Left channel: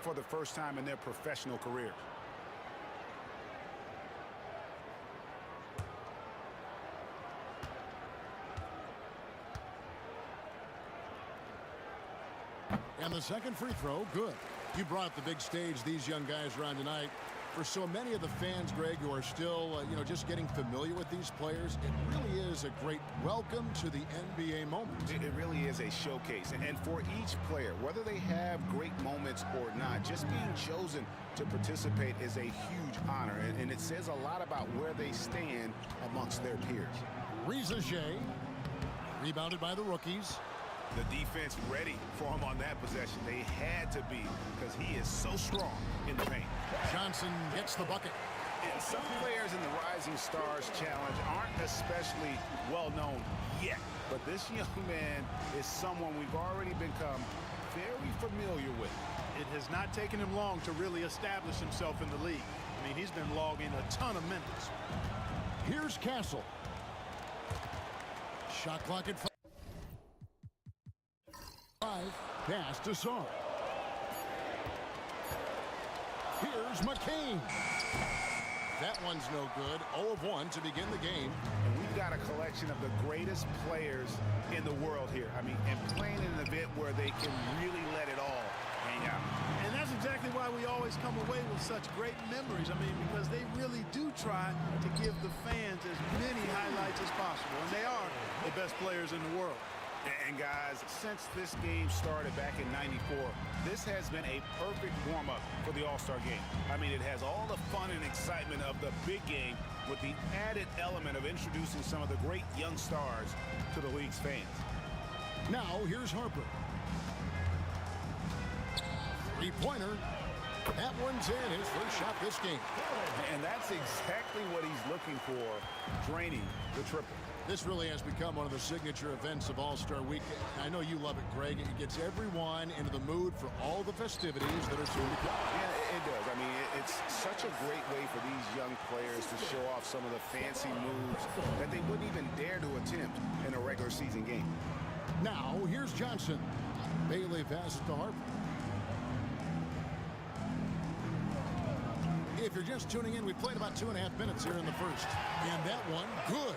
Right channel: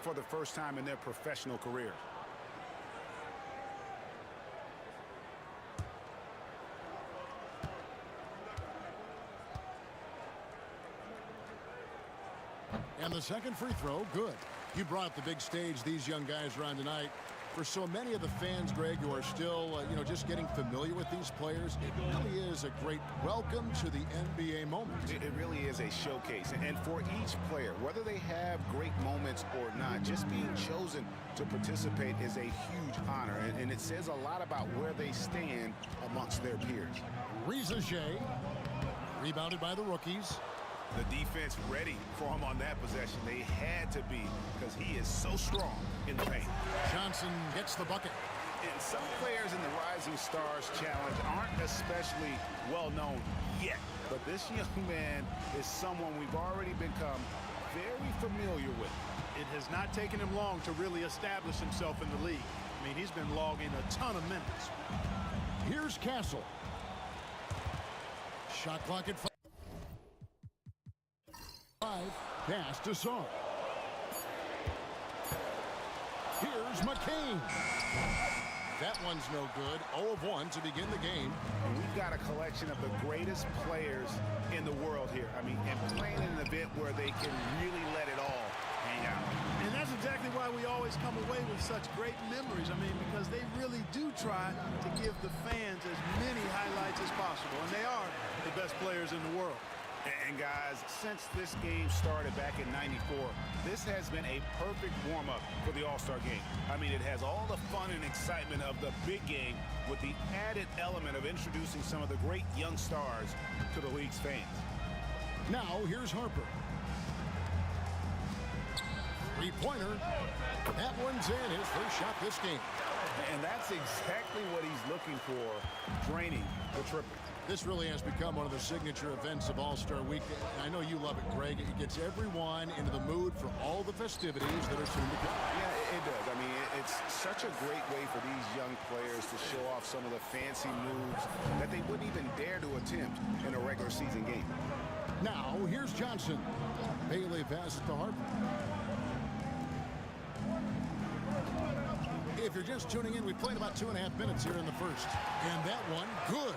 for the first time in their professional careers. And the second free throw, good. You brought up the big stage these young guys are on tonight. For so many of the fans, Greg, who are still, just getting familiar with these players, it really is a great welcome to the NBA moment. It really is a showcase. And for each player, whether they have great moments or not, just being chosen to participate is a huge honor. And it says a lot about where they stand amongst their peers. Reza Shea, rebounded by the rookies. The defense ready for him on that possession. They had to be, because he is so strong in the paint. Johnson gets the bucket. And some players in the Rising Stars Challenge aren't especially well known yet. But this young man is someone we've already become very familiar with. It has not taken him long to really establish himself in the league. I mean, he's been logging a ton of minutes. Here's Castle. Shot clock at 5. Pass to Saar. Here's McCain. That one's no good. 0 of 1 to begin the game. And we've got a collection of the greatest players in the world here. I mean, and playing in an event where they can really let it all hang out. And that's exactly why we always come away with such great memories. I mean, because they really do try to give the fans as many highlights as possible. And they are the best players in the world. And guys, since this game started back in '94, this has been a perfect warm-up for the All-Star Game. I mean, it has all the fun and excitement of the big game with the added element of introducing some of the great young stars to the league's fans. Now, here's Harper. Three-pointer. That one's in, his first shot this game. And that's exactly what he's looking for, draining the triple. This really has become one of the signature events of All-Star Week. I know you love it, Greg. It gets everyone into the mood for all the festivities that are soon to come. Yeah, it does. I mean, it's such a great way for these young players to show off some of the fancy moves that they wouldn't even dare to attempt in a regular season game. Now, here's Johnson. Bailey passes to Harper. If you're just tuning in, we played about 2.5 minutes here in the first. And that one, good.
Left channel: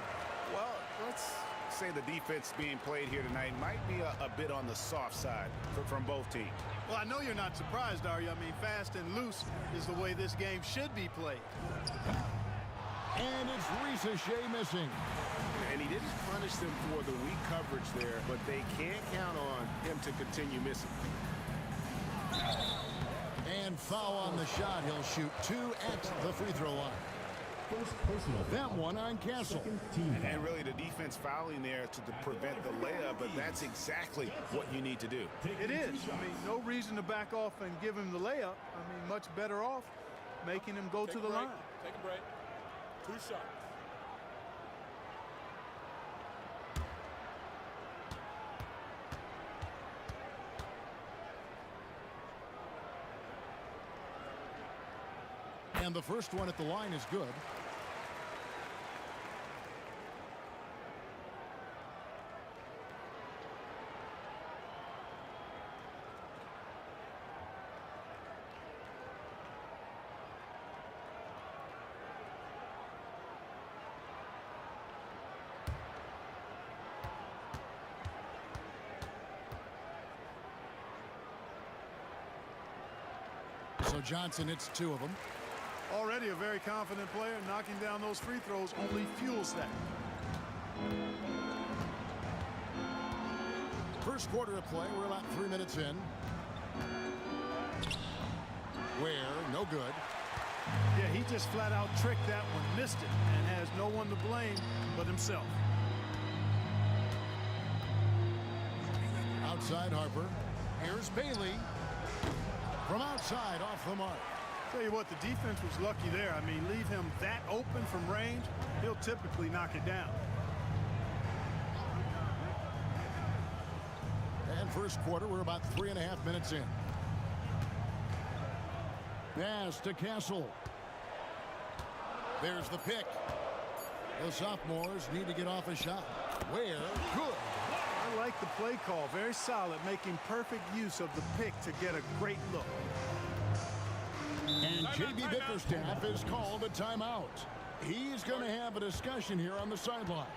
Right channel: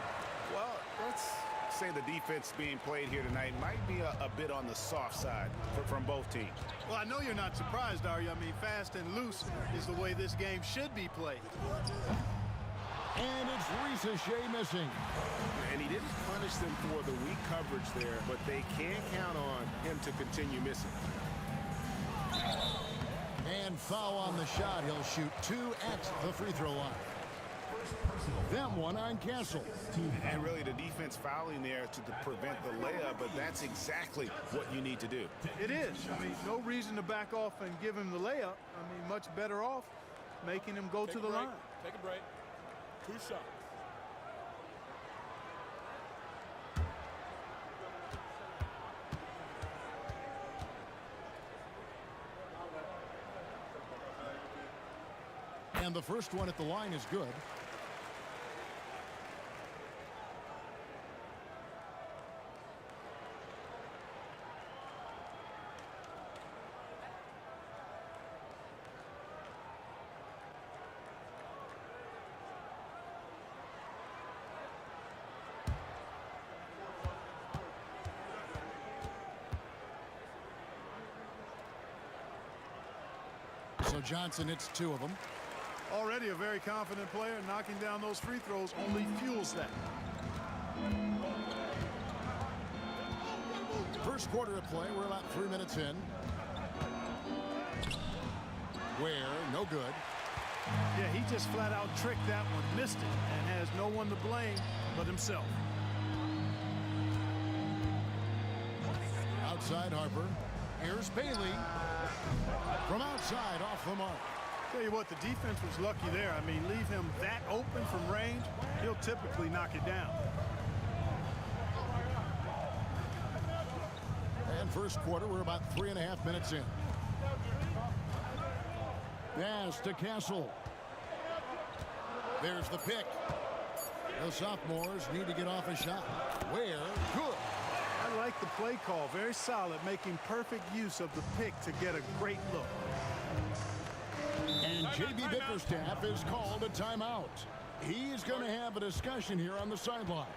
Well, let's say the defense being played here tonight might be a bit on the soft side from both teams. Well, I know you're not surprised, are you? I mean, fast and loose is the way this game should be played. And it's Reza Shea missing. And he didn't punish them for the weak coverage there, but they can't count on him to continue missing. And foul on the shot. He'll shoot 2 at the free throw line. That one on Castle. And really the defense fouling there to prevent the layup, but that's exactly what you need to do. It is. I mean, no reason to back off and give him the layup. I mean, much better off making him go to the line. Take a break. 2 shots. And the first one at the line is good. So Johnson hits 2 of them. Already a very confident player. Knocking down those free throws only fuels that. First quarter of play. We're about 3 minutes in. Where, no good. Yeah, he just flat out tricked that one, missed it, and has no one to blame but himself. Outside Harper. Here's Bailey. From outside, off the mark. Tell you what, the defense was lucky there. I mean, leave him that open from range, he'll typically knock it down. And first quarter, we're about 3.5 minutes in. Pass to Castle. There's the pick. The sophomores need to get off a shot. Where? Good. I like the play call. Very solid, making perfect use of the pick to get a great look. And J.B. Bickerstaff is called a timeout. He's going to have a discussion here on the sideline.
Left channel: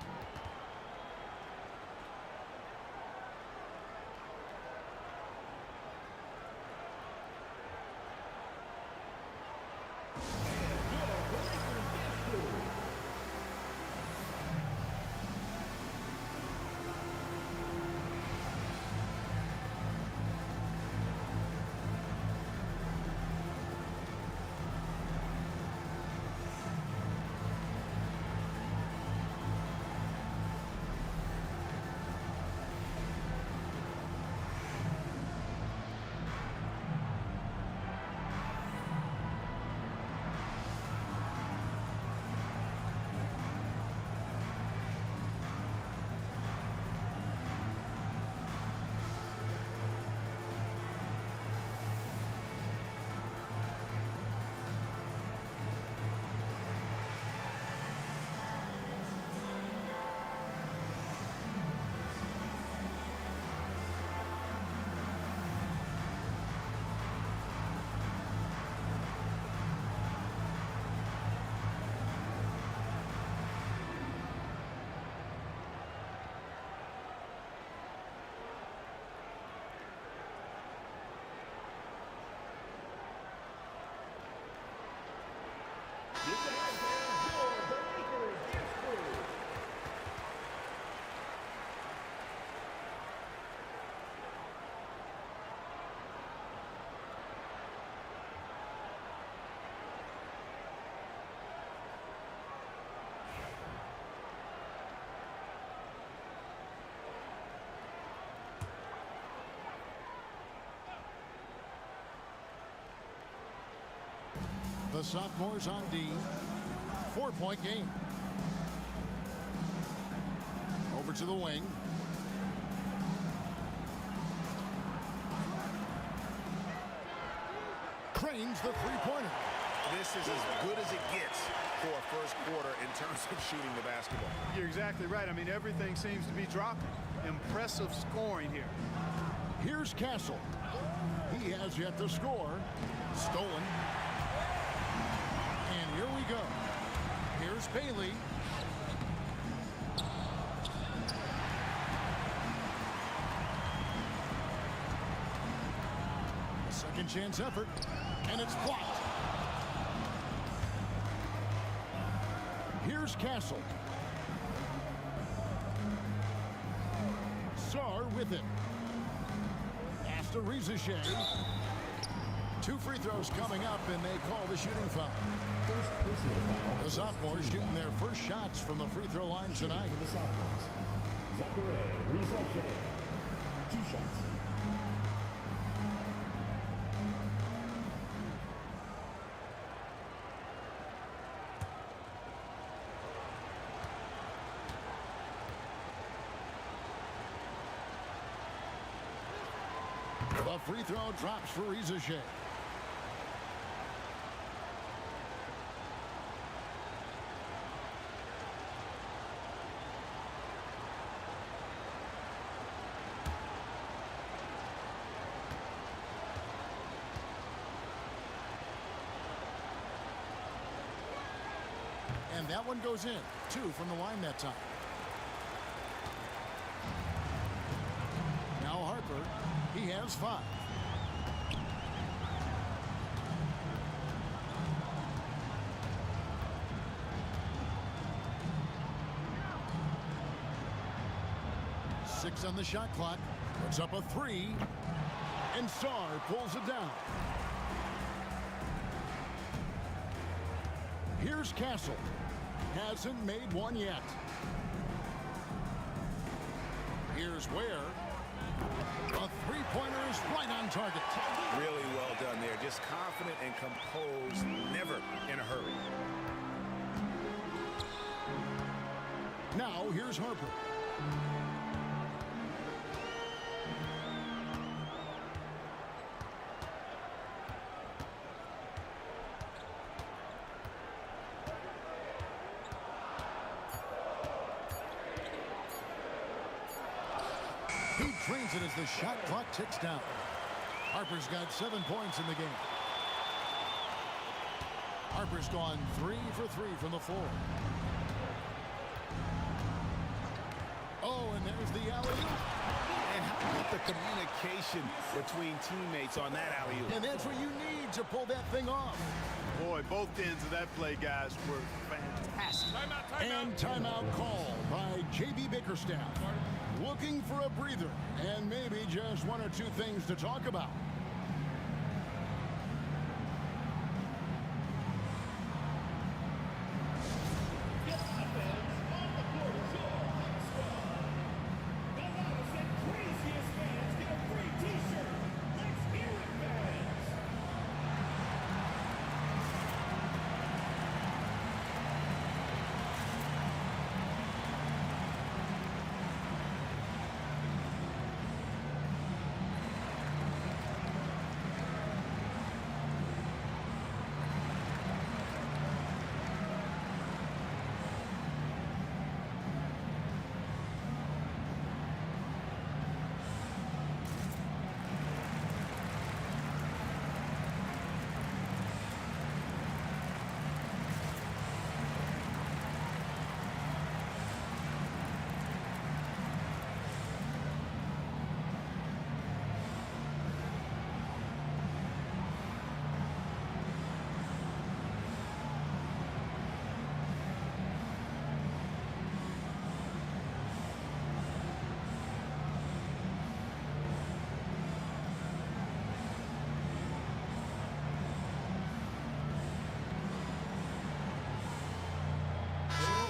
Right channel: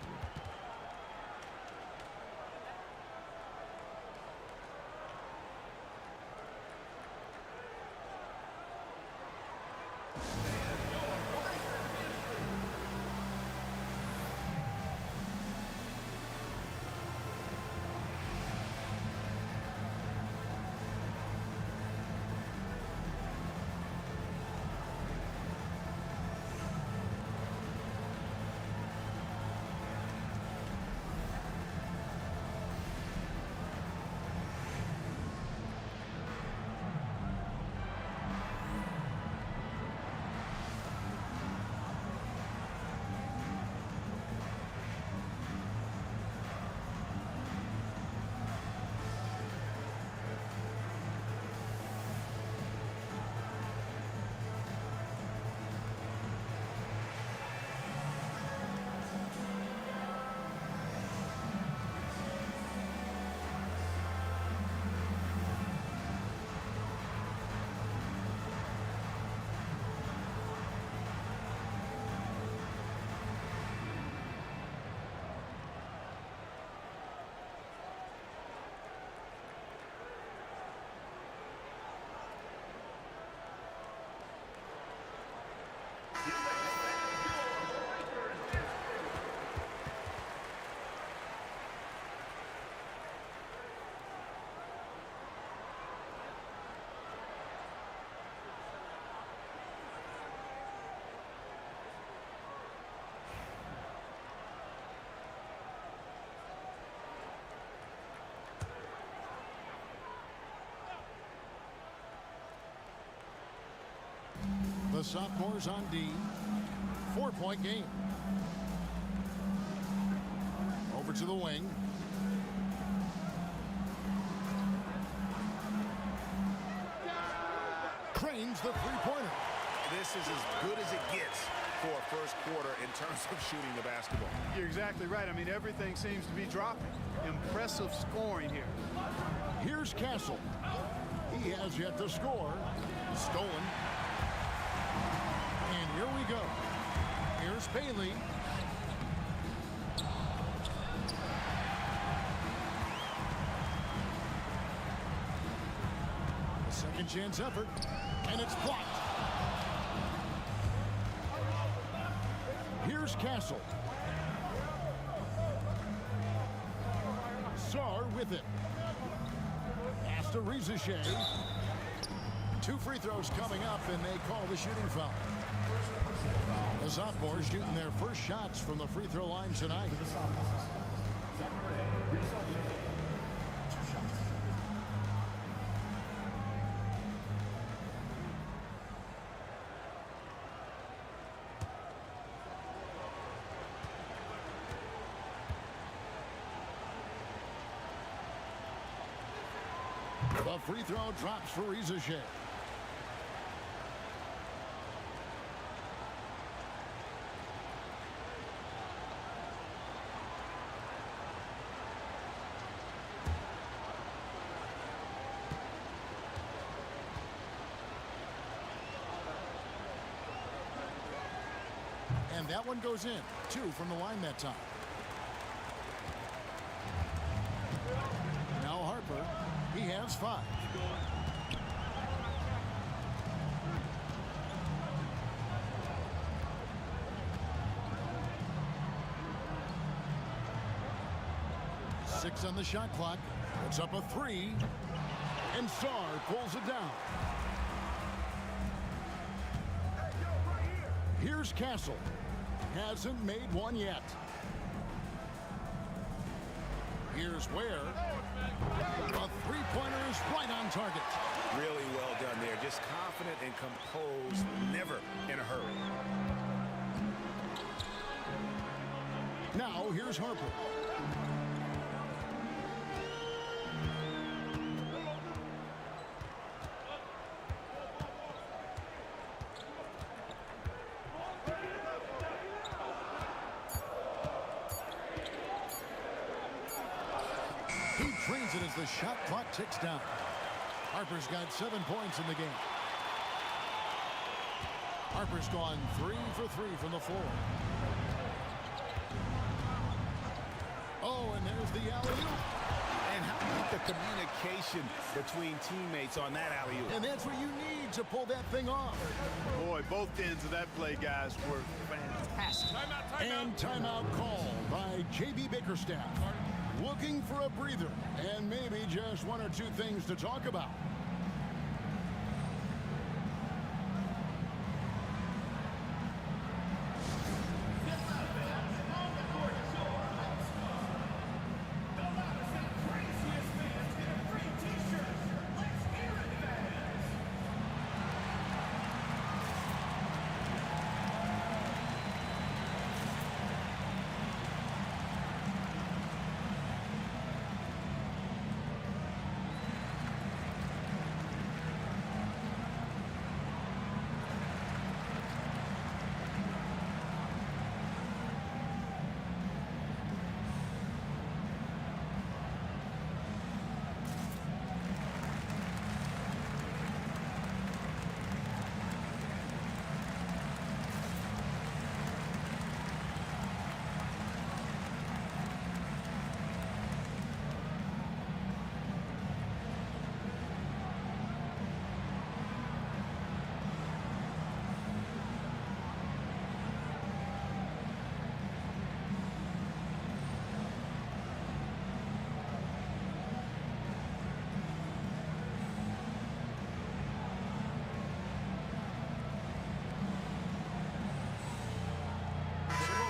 The sophomores on D. 4-point game. Over to the wing. Cranes the three-pointer. This is as good as it gets for a first quarter in terms of shooting the basketball. You're exactly right. I mean, everything seems to be dropping. Impressive scoring here. Here's Castle. He has yet to score. Stolen. And here we go. Here's Bailey. The second chance effort. And it's blocked. Here's Castle. Sar with it. Pass to Rizashay. 2 free throws coming up, and they call the shooting foul. The sophomores shooting their first shots from the free throw line tonight. For the sophomores, Rizashay, 2 shots. The free throw drops for Rizashay. And that one goes in. 2 from the line that time. Now Harper. He has 5. Six on the shot clock. Puts up a 3. And Sar pulls it down. Here's Castle. Hasn't made one yet. Here's Ware. The three-pointer is right on target. Really well done there. Just confident and composed, never in a hurry. Now here's Harper. He drains it as the shot clock ticks down. Harper's got 7 points in the game. Harper's gone 3 for 3 from the floor. Oh, and there's the alley-oop. And how about the communication between teammates on that alley-oop? And that's what you need to pull that thing off. Boy, both ends of that play, guys, were fantastic. Timeout, timeout. And timeout called by J.B. Bickerstaff. Looking for a breather and maybe just one or two things to talk about.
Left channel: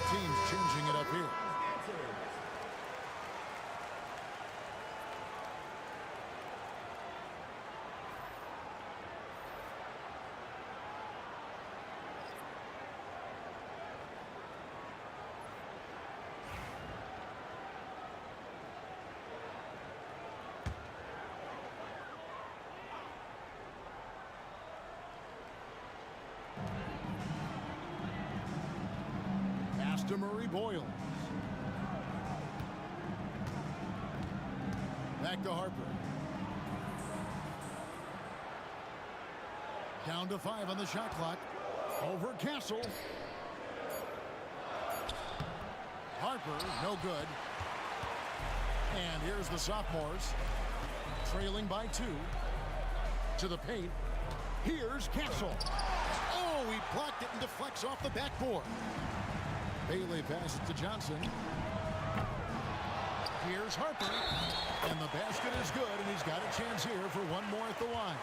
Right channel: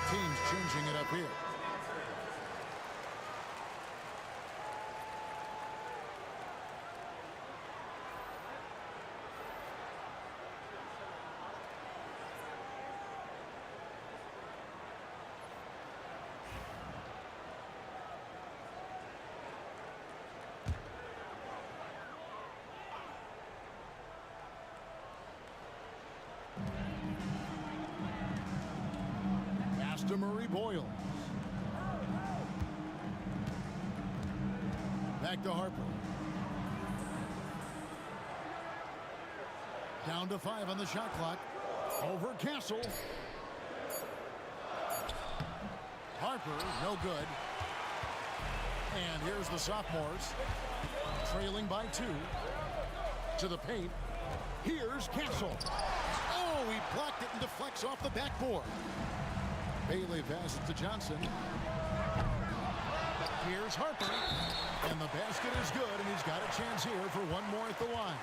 Teams changing it up here. To Murray Boyles. Back to Harper. Down to 5 on the shot clock. Over Castle. Harper, no good. And here's the sophomores. Trailing by 2. To the paint. Here's Castle. Oh, he blocked it and deflects off the backboard. Bailey passes to Johnson. Here's Harper. And the basket is good, and he's got a chance here for one more at the line.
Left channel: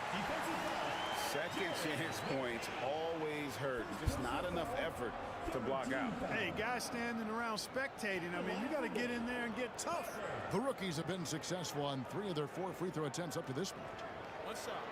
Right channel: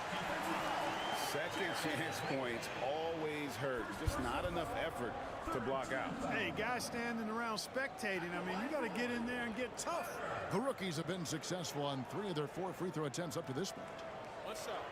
Second chance points always hurt. Just not enough effort to block out. Hey, guys standing around spectating, I mean, you got to get in there and get tough. The rookies have been successful on 3 of their 4 free throw attempts up to this point. One shot.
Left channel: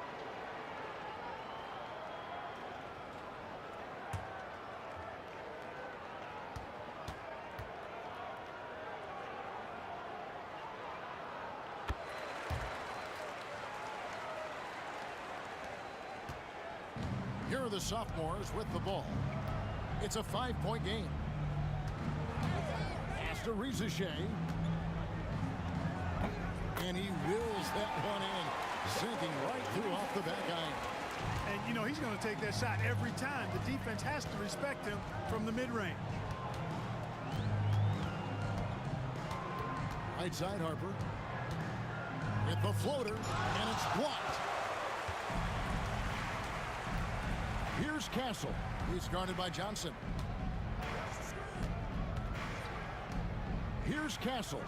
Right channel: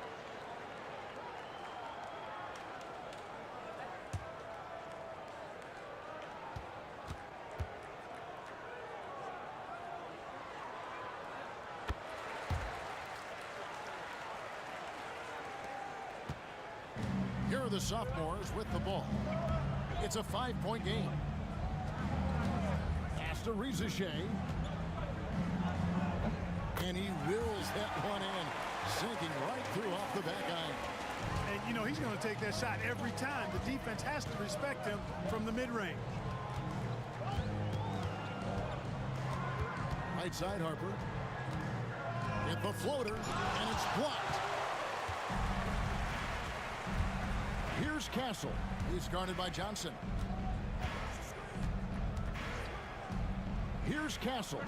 Here are the sophomores with the ball. It's a 5-point game. Pass to Rizichet. And he wills that one in, sinking right through off the back iron. And, you know, he's going to take that shot every time. The defense has to respect him from the mid-range. Right side, Harper. With the floater, and it's blocked. Here's Castle. He's guarded by Johnson. Here's Castle.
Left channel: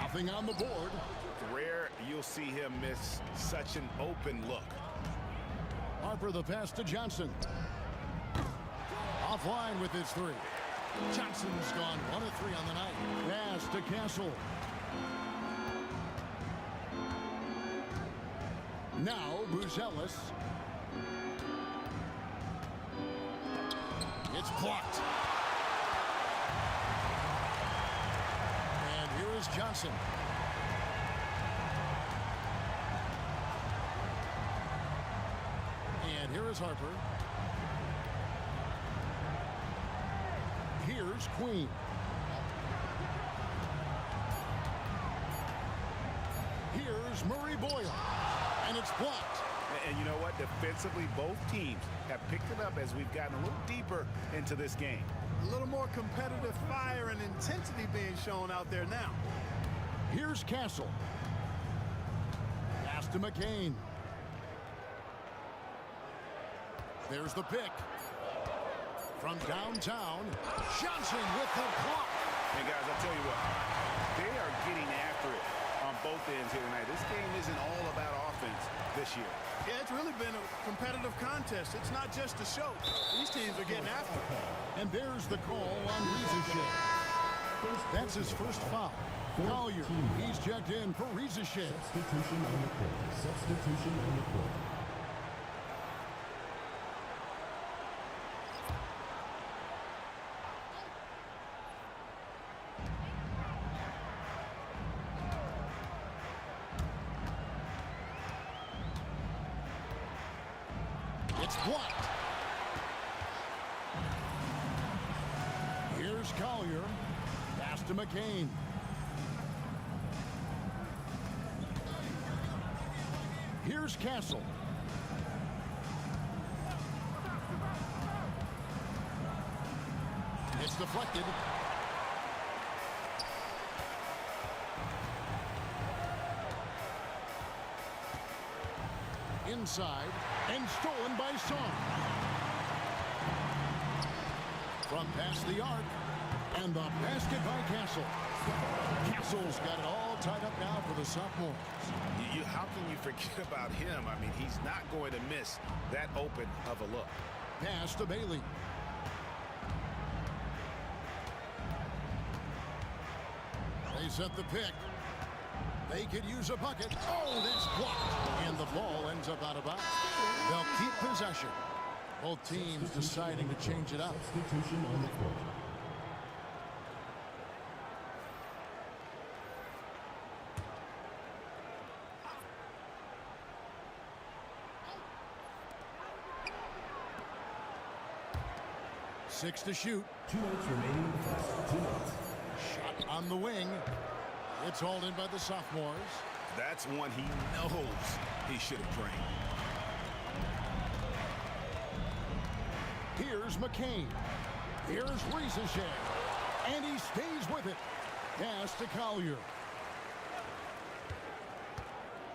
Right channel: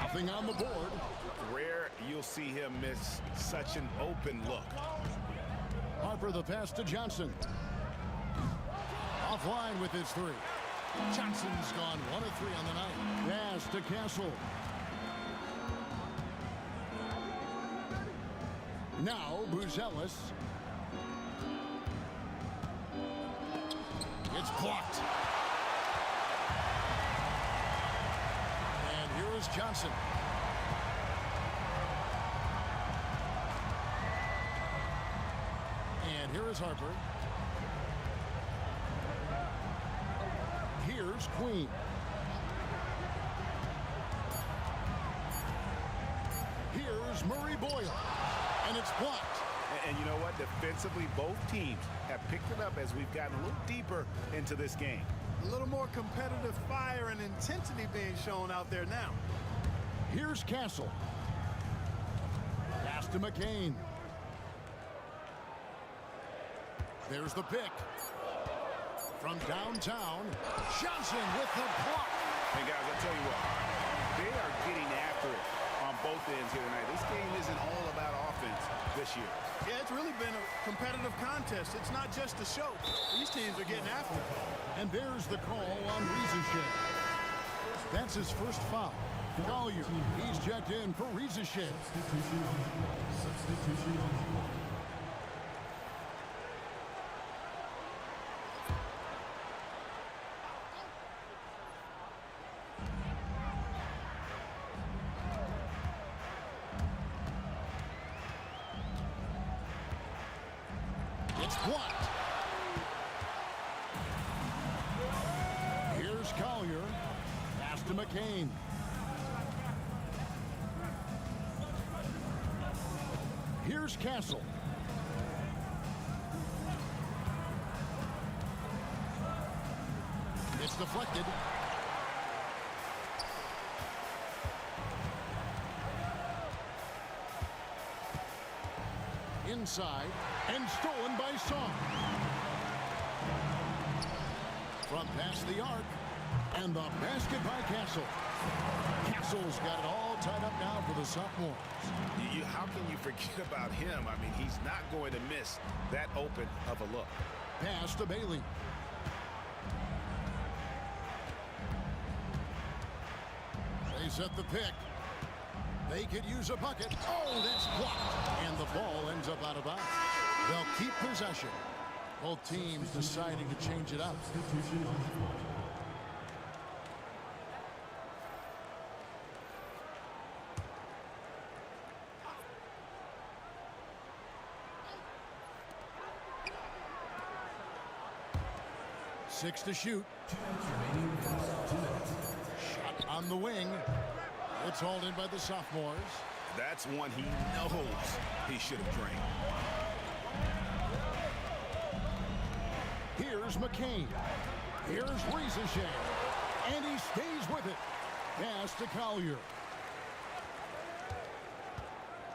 Nothing on the board. Rare you'll see him miss such an open look. Harper the pass to Johnson. Offline with his 3. Johnson's gone 1 of 3 on the night. Pass to Castle. Now Buzelis. It's blocked. And here is Johnson. And here is Harper. Here's Queen. Here's Murray Boyle. And it's blocked. And you know what? Defensively, both teams have picked it up as we've gotten a little deeper into this game. A little more competitive fire and intensity being shown out there now. Here's Castle. Pass to McCain. There's the pick. From downtown, Johnson with the block. Hey, guys, I tell you what, they are getting after it on both ends here tonight. This game isn't all about offense this year. Yeah, it's really been a competitive contest. It's not just a show. These teams are getting after it. And there's the call on Rizachet. That's his first foul. Collier, he's checked in for Rizachet. Substitution on the court. Substitution on the court. It's blocked. Here's Collier. Pass to McCain. Here's Castle. It's deflected. Inside and stolen by Song. From past the arc and the basket by Castle. Castle's got it all tied up now for the sophomores. How can you forget about him? I mean, he's not going to miss that open of a look. Pass to Bailey. They set the pick. They could use a bucket. Oh, that's blocked. And the ball ends up out of bounds. They'll keep possession. Both teams deciding to change it up. Substitution on the court. Six to shoot. 2 minutes remaining in the first 2 minutes. Shot on the wing. It's hauled in by the sophomores. That's one he knows he should have drained. Here's McCain. Here's Rizachet. And he stays with it. Pass to Collier.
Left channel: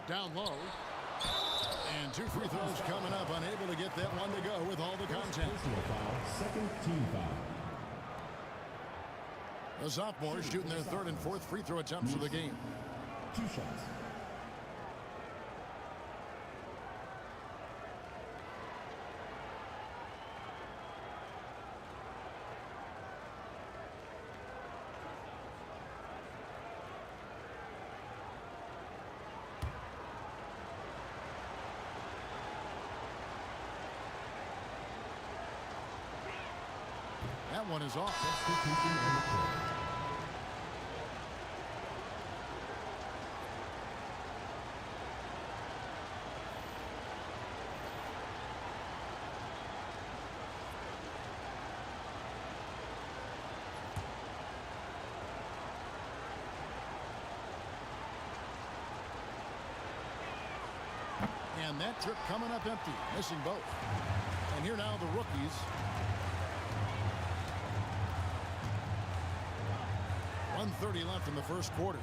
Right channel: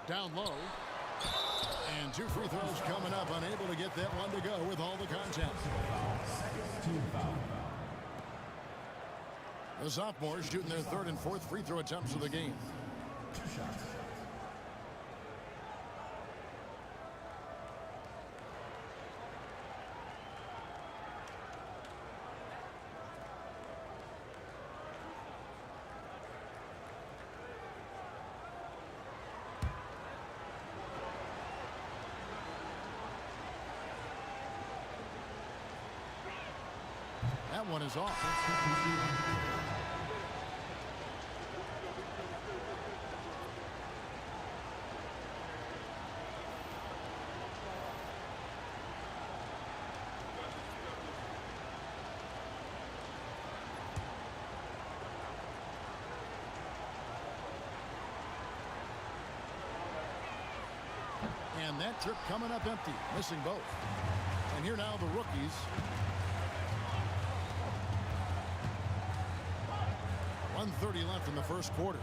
Down low. And 2 free throws coming up. Unable to get that one to go with all the contact. Personal foul. Second team foul. The sophomores shooting their 3rd and 4th free throw attempts of the game. 2 shots. That one is off. Substitution on the court. And that trip coming up empty, missing both. And here now the rookies. 1:30 left in the first quarter.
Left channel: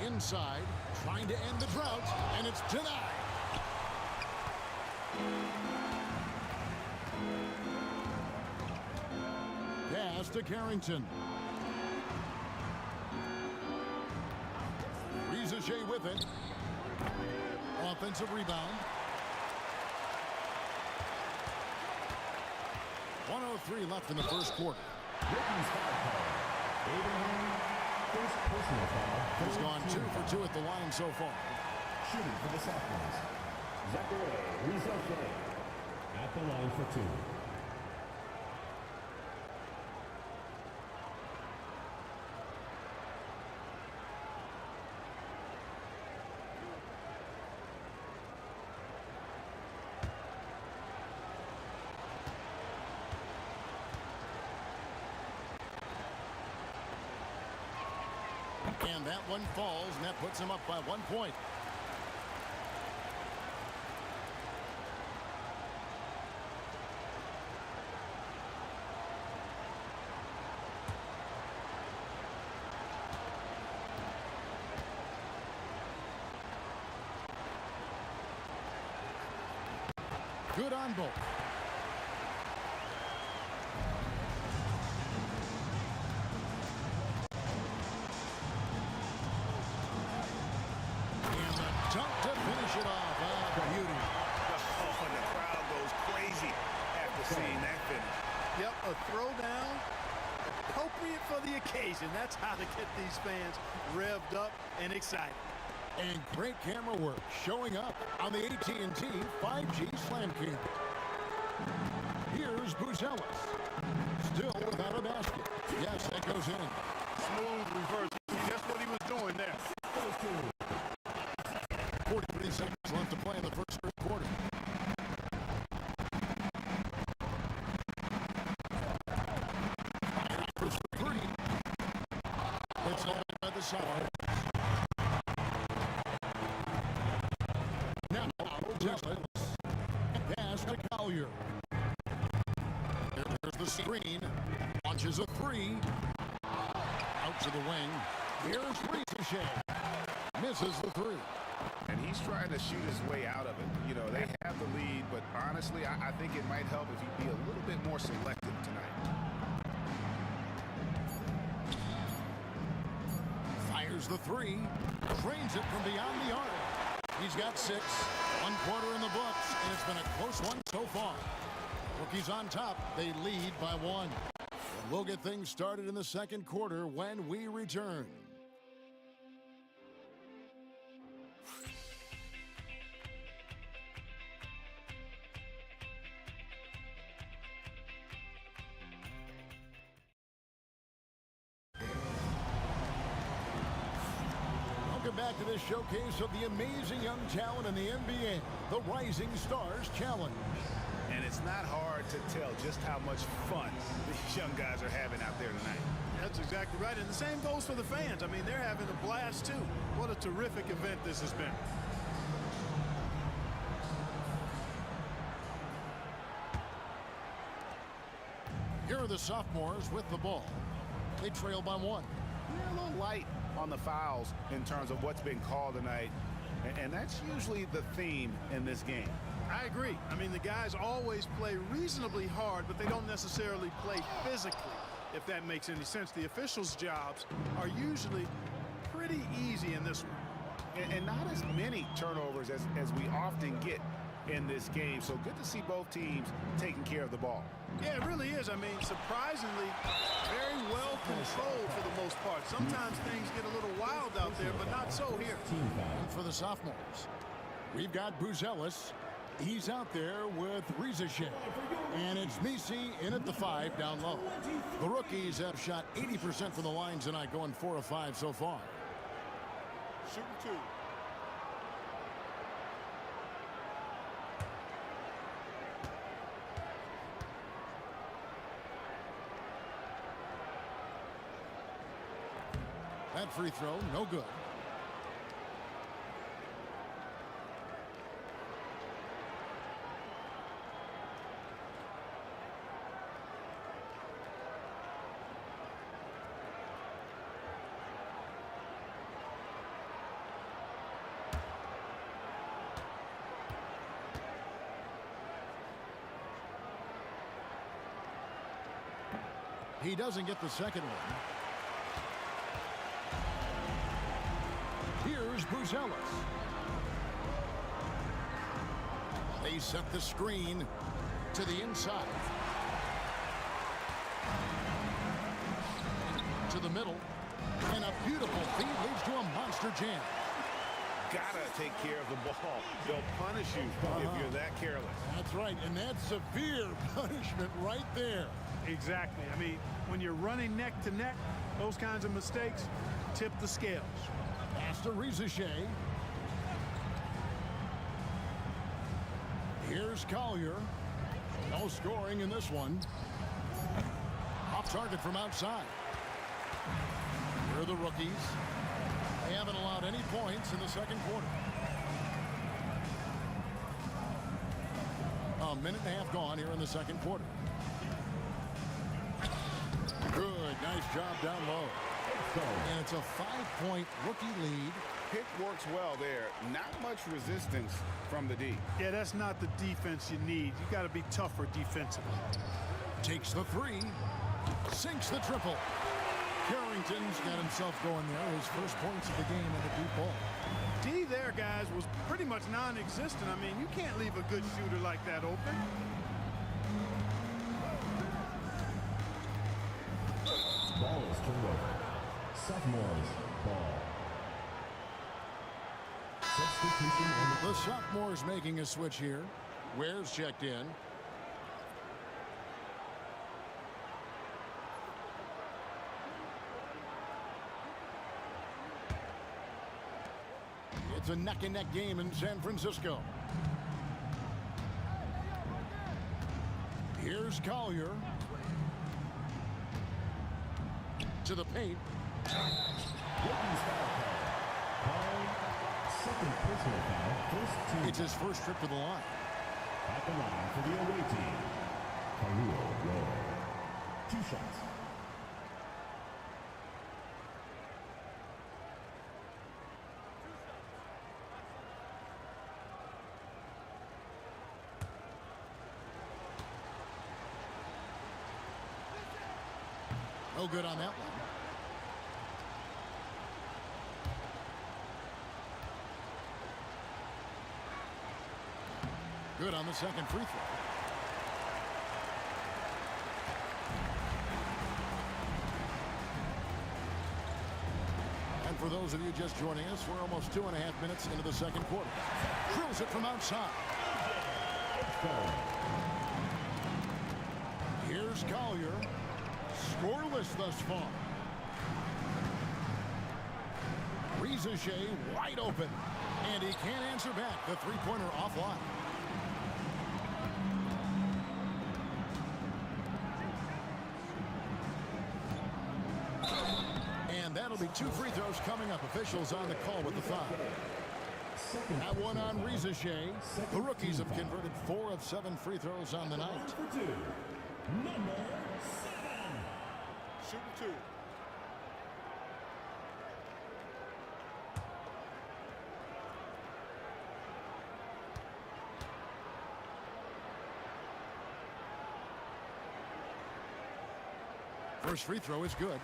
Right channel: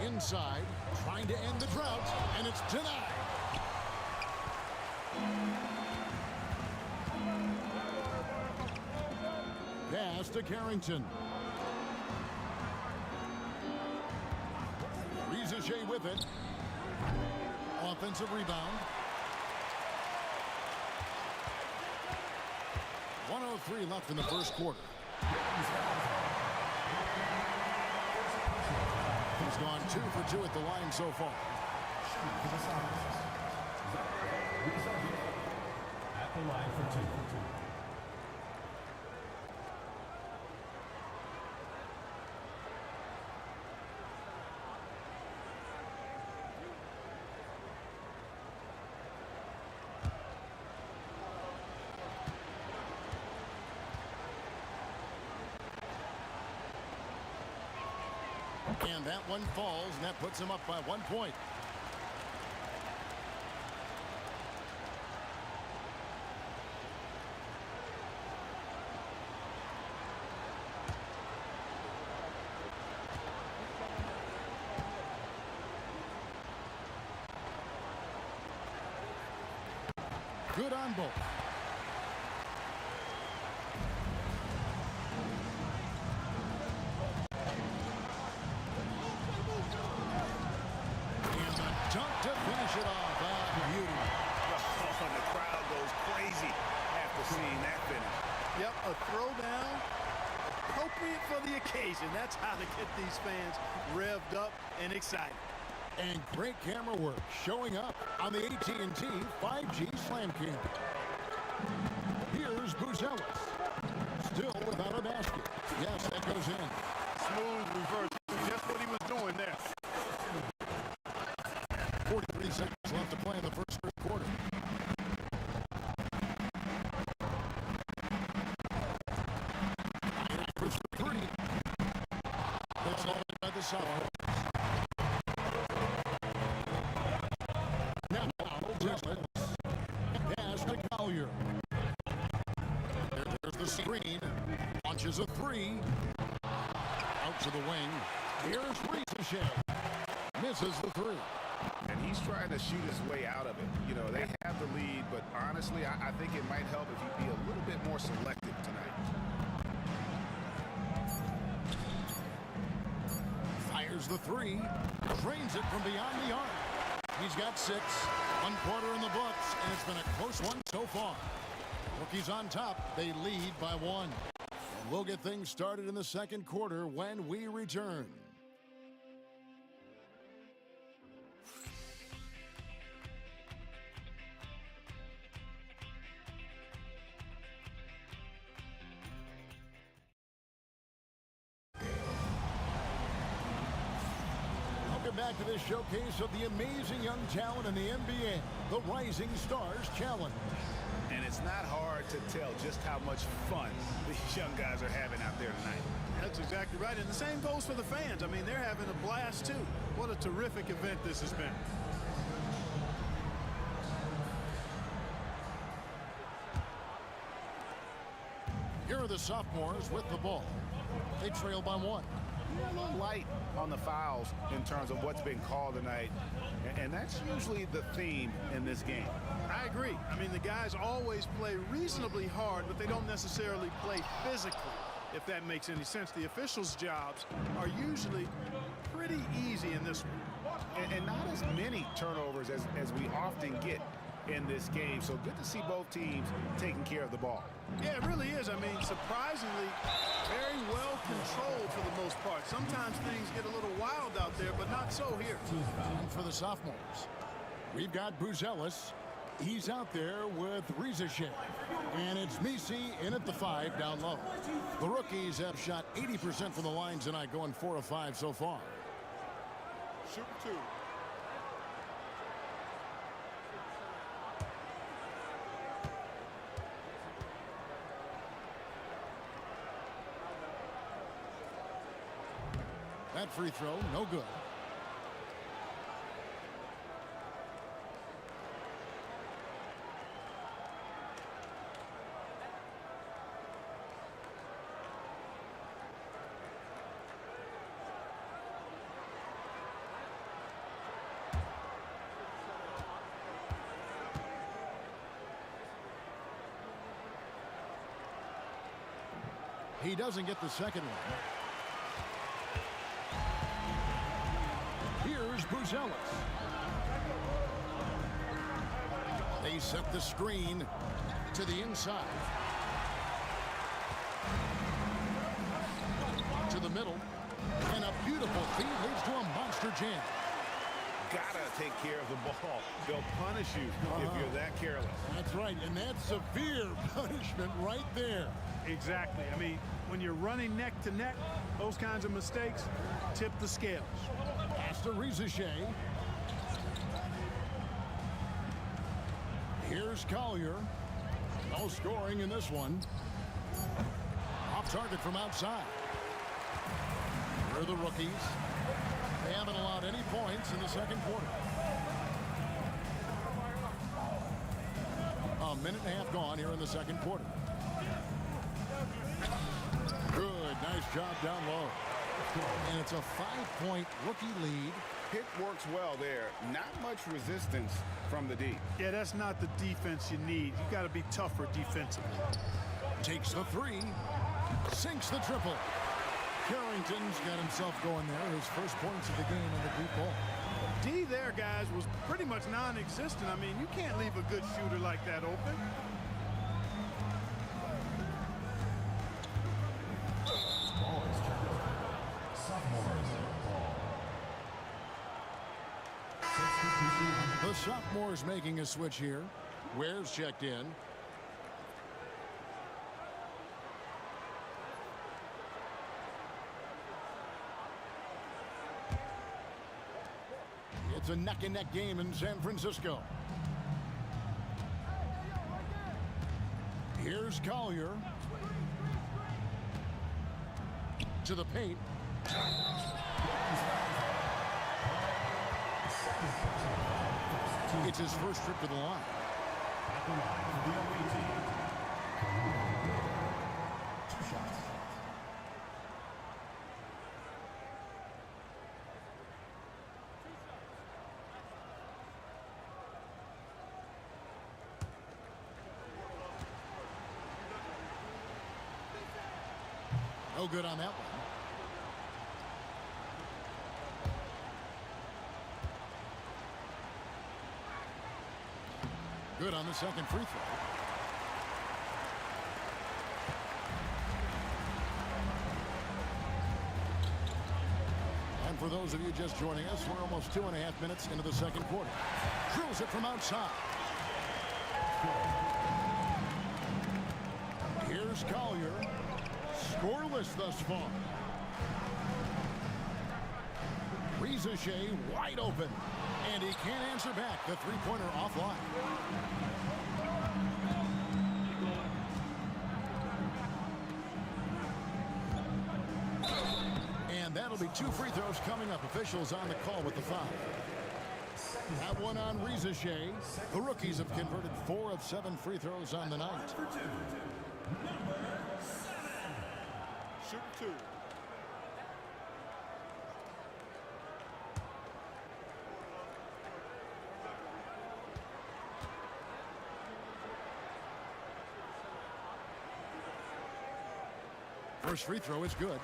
Inside, trying to end the drought, and it's denied. Pass to Carrington. Rizachet with it. Offensive rebound. 1:03 left in the first quarter. First personal foul. He's gone 2 for 2 at the line so far. Shooting for the sophomores. Zachary Rizachet at the line for 2. And that one falls, and that puts him up by 1 point. Good on both. And the dunk to finish it off. Ah, beauty. Oh, and the crowd goes crazy after seeing that finish. Yep, a throwdown appropriate for the occasion. That's how to get these fans revved up and excited. And great camera work showing up on the AT&T 5G Slam Cam. Here's Buzelis. Still without a basket. Yes, that goes in. Smooth reverse. See, that's what he was doing there. 43 seconds left to play in the first quarter. Fires for three. It's all by the Sours. Now, Buzelis. Pass to Collier. There's the screen. Launches a three. Out to the wing. Here's Ricochet. Misses the three. And he's trying to shoot his way out of it. You know, they have the lead, but honestly, I think it might help if he'd be a little bit more selective tonight. Fires the three. Drains it from beyond the arc. He's got 6. 1 quarter in the books, and it's been a close one so far. Rookies on top. They lead by 1. And we'll get things started in the second quarter when we return. Welcome back to this showcase of the amazing young talent in the NBA, the Rising Stars Challenge. And it's not hard to tell just how much fun these young guys are having out there tonight. That's exactly right. And the same goes for the fans. I mean, they're having a blast, too. What a terrific event this has been. Here are the sophomores with the ball. They trail by 1. Yeah, a little light on the fouls in terms of what's been called tonight. And that's usually the theme in this game. I agree. I mean, the guys always play reasonably hard, but they don't necessarily play physically, if that makes any sense. The officials' jobs are usually pretty easy in this one. And not as many turnovers as we often get in this game. So good to see both teams taking care of the ball. Yeah, it really is. I mean, surprisingly, very well controlled for the most part. Sometimes things get a little wild out there, but not so here. And for the sophomores, we've got Buzelis. He's out there with Ricochet. And it's Misi in at the 5 down low. The rookies have shot 80% from the line tonight, going 4 of 5 so far. Shooting 2. That free throw, no good. He doesn't get the second one. Here's Buzelis. They set the screen to the inside. To the middle. And a beautiful feed leads to a monster jam. Gotta take care of the ball. They'll punish you if you're that careless. That's right, and that's severe punishment right there. Exactly. I mean, when you're running neck to neck, those kinds of mistakes tip the scales. Pass to Ricochet. Here's Collier. No scoring in this one. Off target from outside. Here are the rookies. They haven't allowed any points in the second quarter. A minute and a half gone here in the second quarter. Good, nice job down low. And it's a 5-point rookie lead pick works well there. Not much resistance from the D. Yeah, that's not the defense you need. You got to be tougher defensively. Takes the three. Sinks the triple. Carrington's got himself going there. His first points of the game in the deep ball. D there, guys, was pretty much non-existent. I mean, you can't leave a good shooter like that open. Ball is turned over. Sophomores ball. Substitution on The sophomores making a switch here. Ware's checked in. It's a neck-and-neck game in San Francisco. Here's Collier. To the paint. second personal foul, first team. It's his first trip to the line. At the line for the away team. Career low. 2 shots. No good on that one. Good on the second free throw. And for those of you just joining us, we're almost 2.5 minutes into the second quarter. Drills it from outside. Here's Collier. Scoreless thus far. Shea wide open. And he can't answer back. The three-pointer offline. And that'll be 2 free throws coming up. Officials on the call with the foul. That one on Shea. The rookies have converted 4 of 7 free throws on the night. Number 7. Shooting 2. First free throw is good.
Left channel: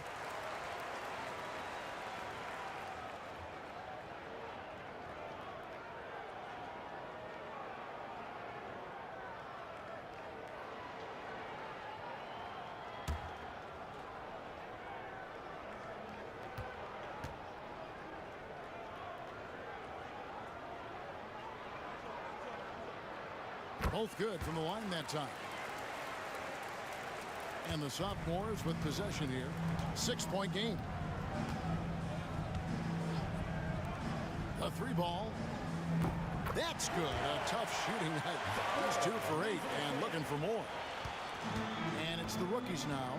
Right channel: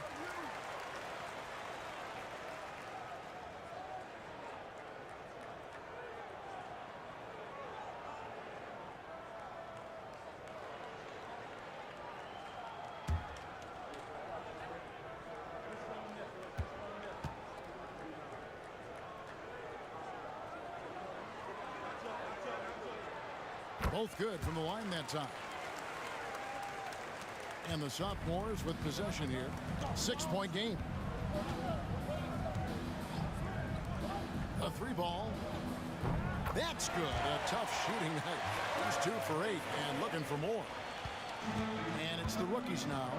Both good from the line that time. And the sophomores with possession here. 6-point game. The 3 ball. That's good. A tough shooting night. He's 2 for 8 and looking for more. And it's the rookies now.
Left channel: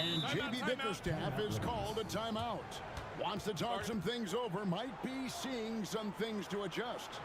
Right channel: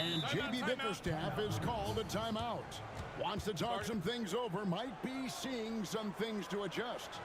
And J.B. Bickerstaff is called a timeout. Wants to talk some things over. Might be seeing some things to adjust.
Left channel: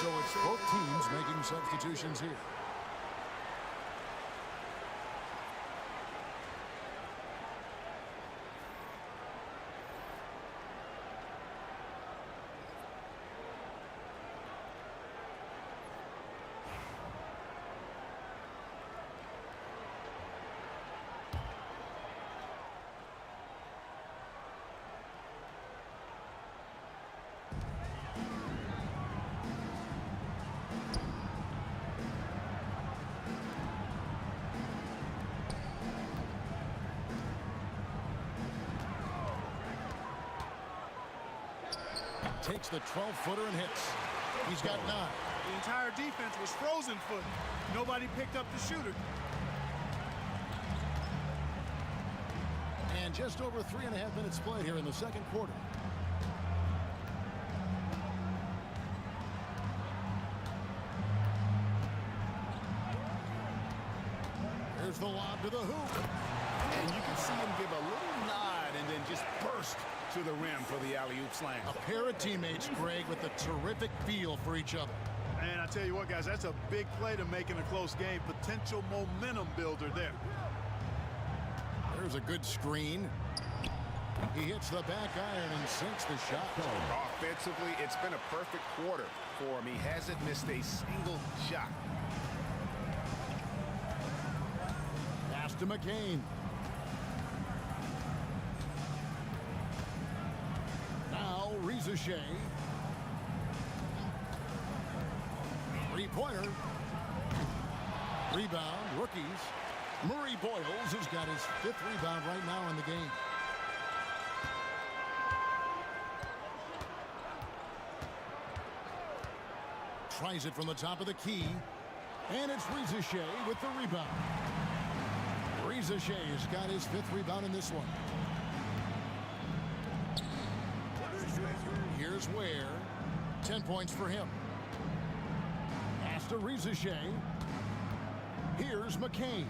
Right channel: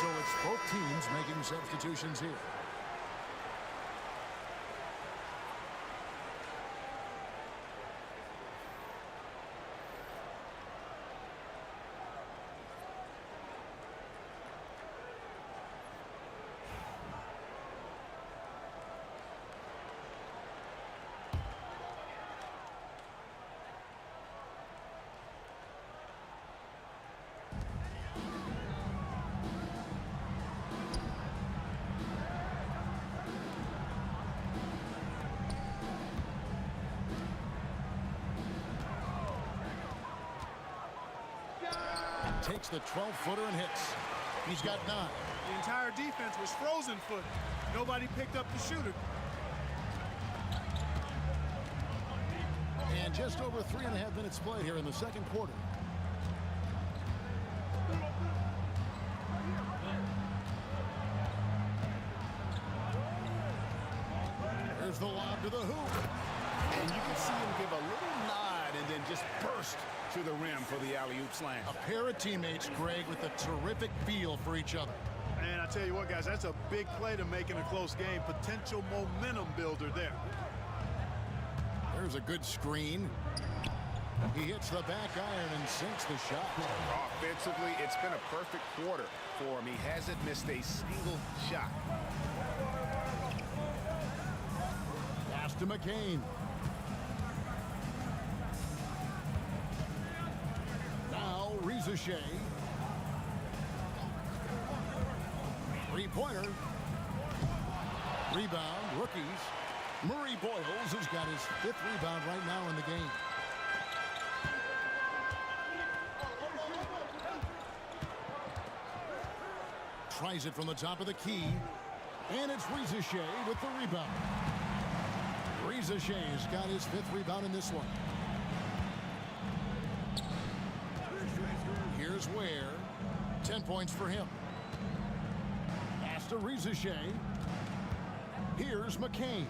So it's both teams making substitutions here. takes the 12-footer and hits. He's got 9. The entire defense was frozen footed. Nobody picked up the shooter. And just over 3.5 minutes played here in the second quarter. There's the lob to the hoop. And you can see him give a little nod and then just burst to the rim for the alley-oop slam. A pair of teammates, Greg, with a terrific feel for each other. And I tell you what, guys, that's a big play to make in a close game. Potential momentum builder there. There's a good screen. He hits the back iron and sinks the shot. Offensively, it's been a perfect quarter for him. He hasn't missed a single shot. Pass to McCain. Now Reza Shea. Three-pointer. Rebound, rookies. Murray Boyles has got his 5th rebound right now in the game. Tries it from the top of the key. And it's Reza Shea with the rebound. Reza Shea has got his 5th rebound in this one. Here's Ware. 10 points for him. Pass to Reza Shea. Here's McCain.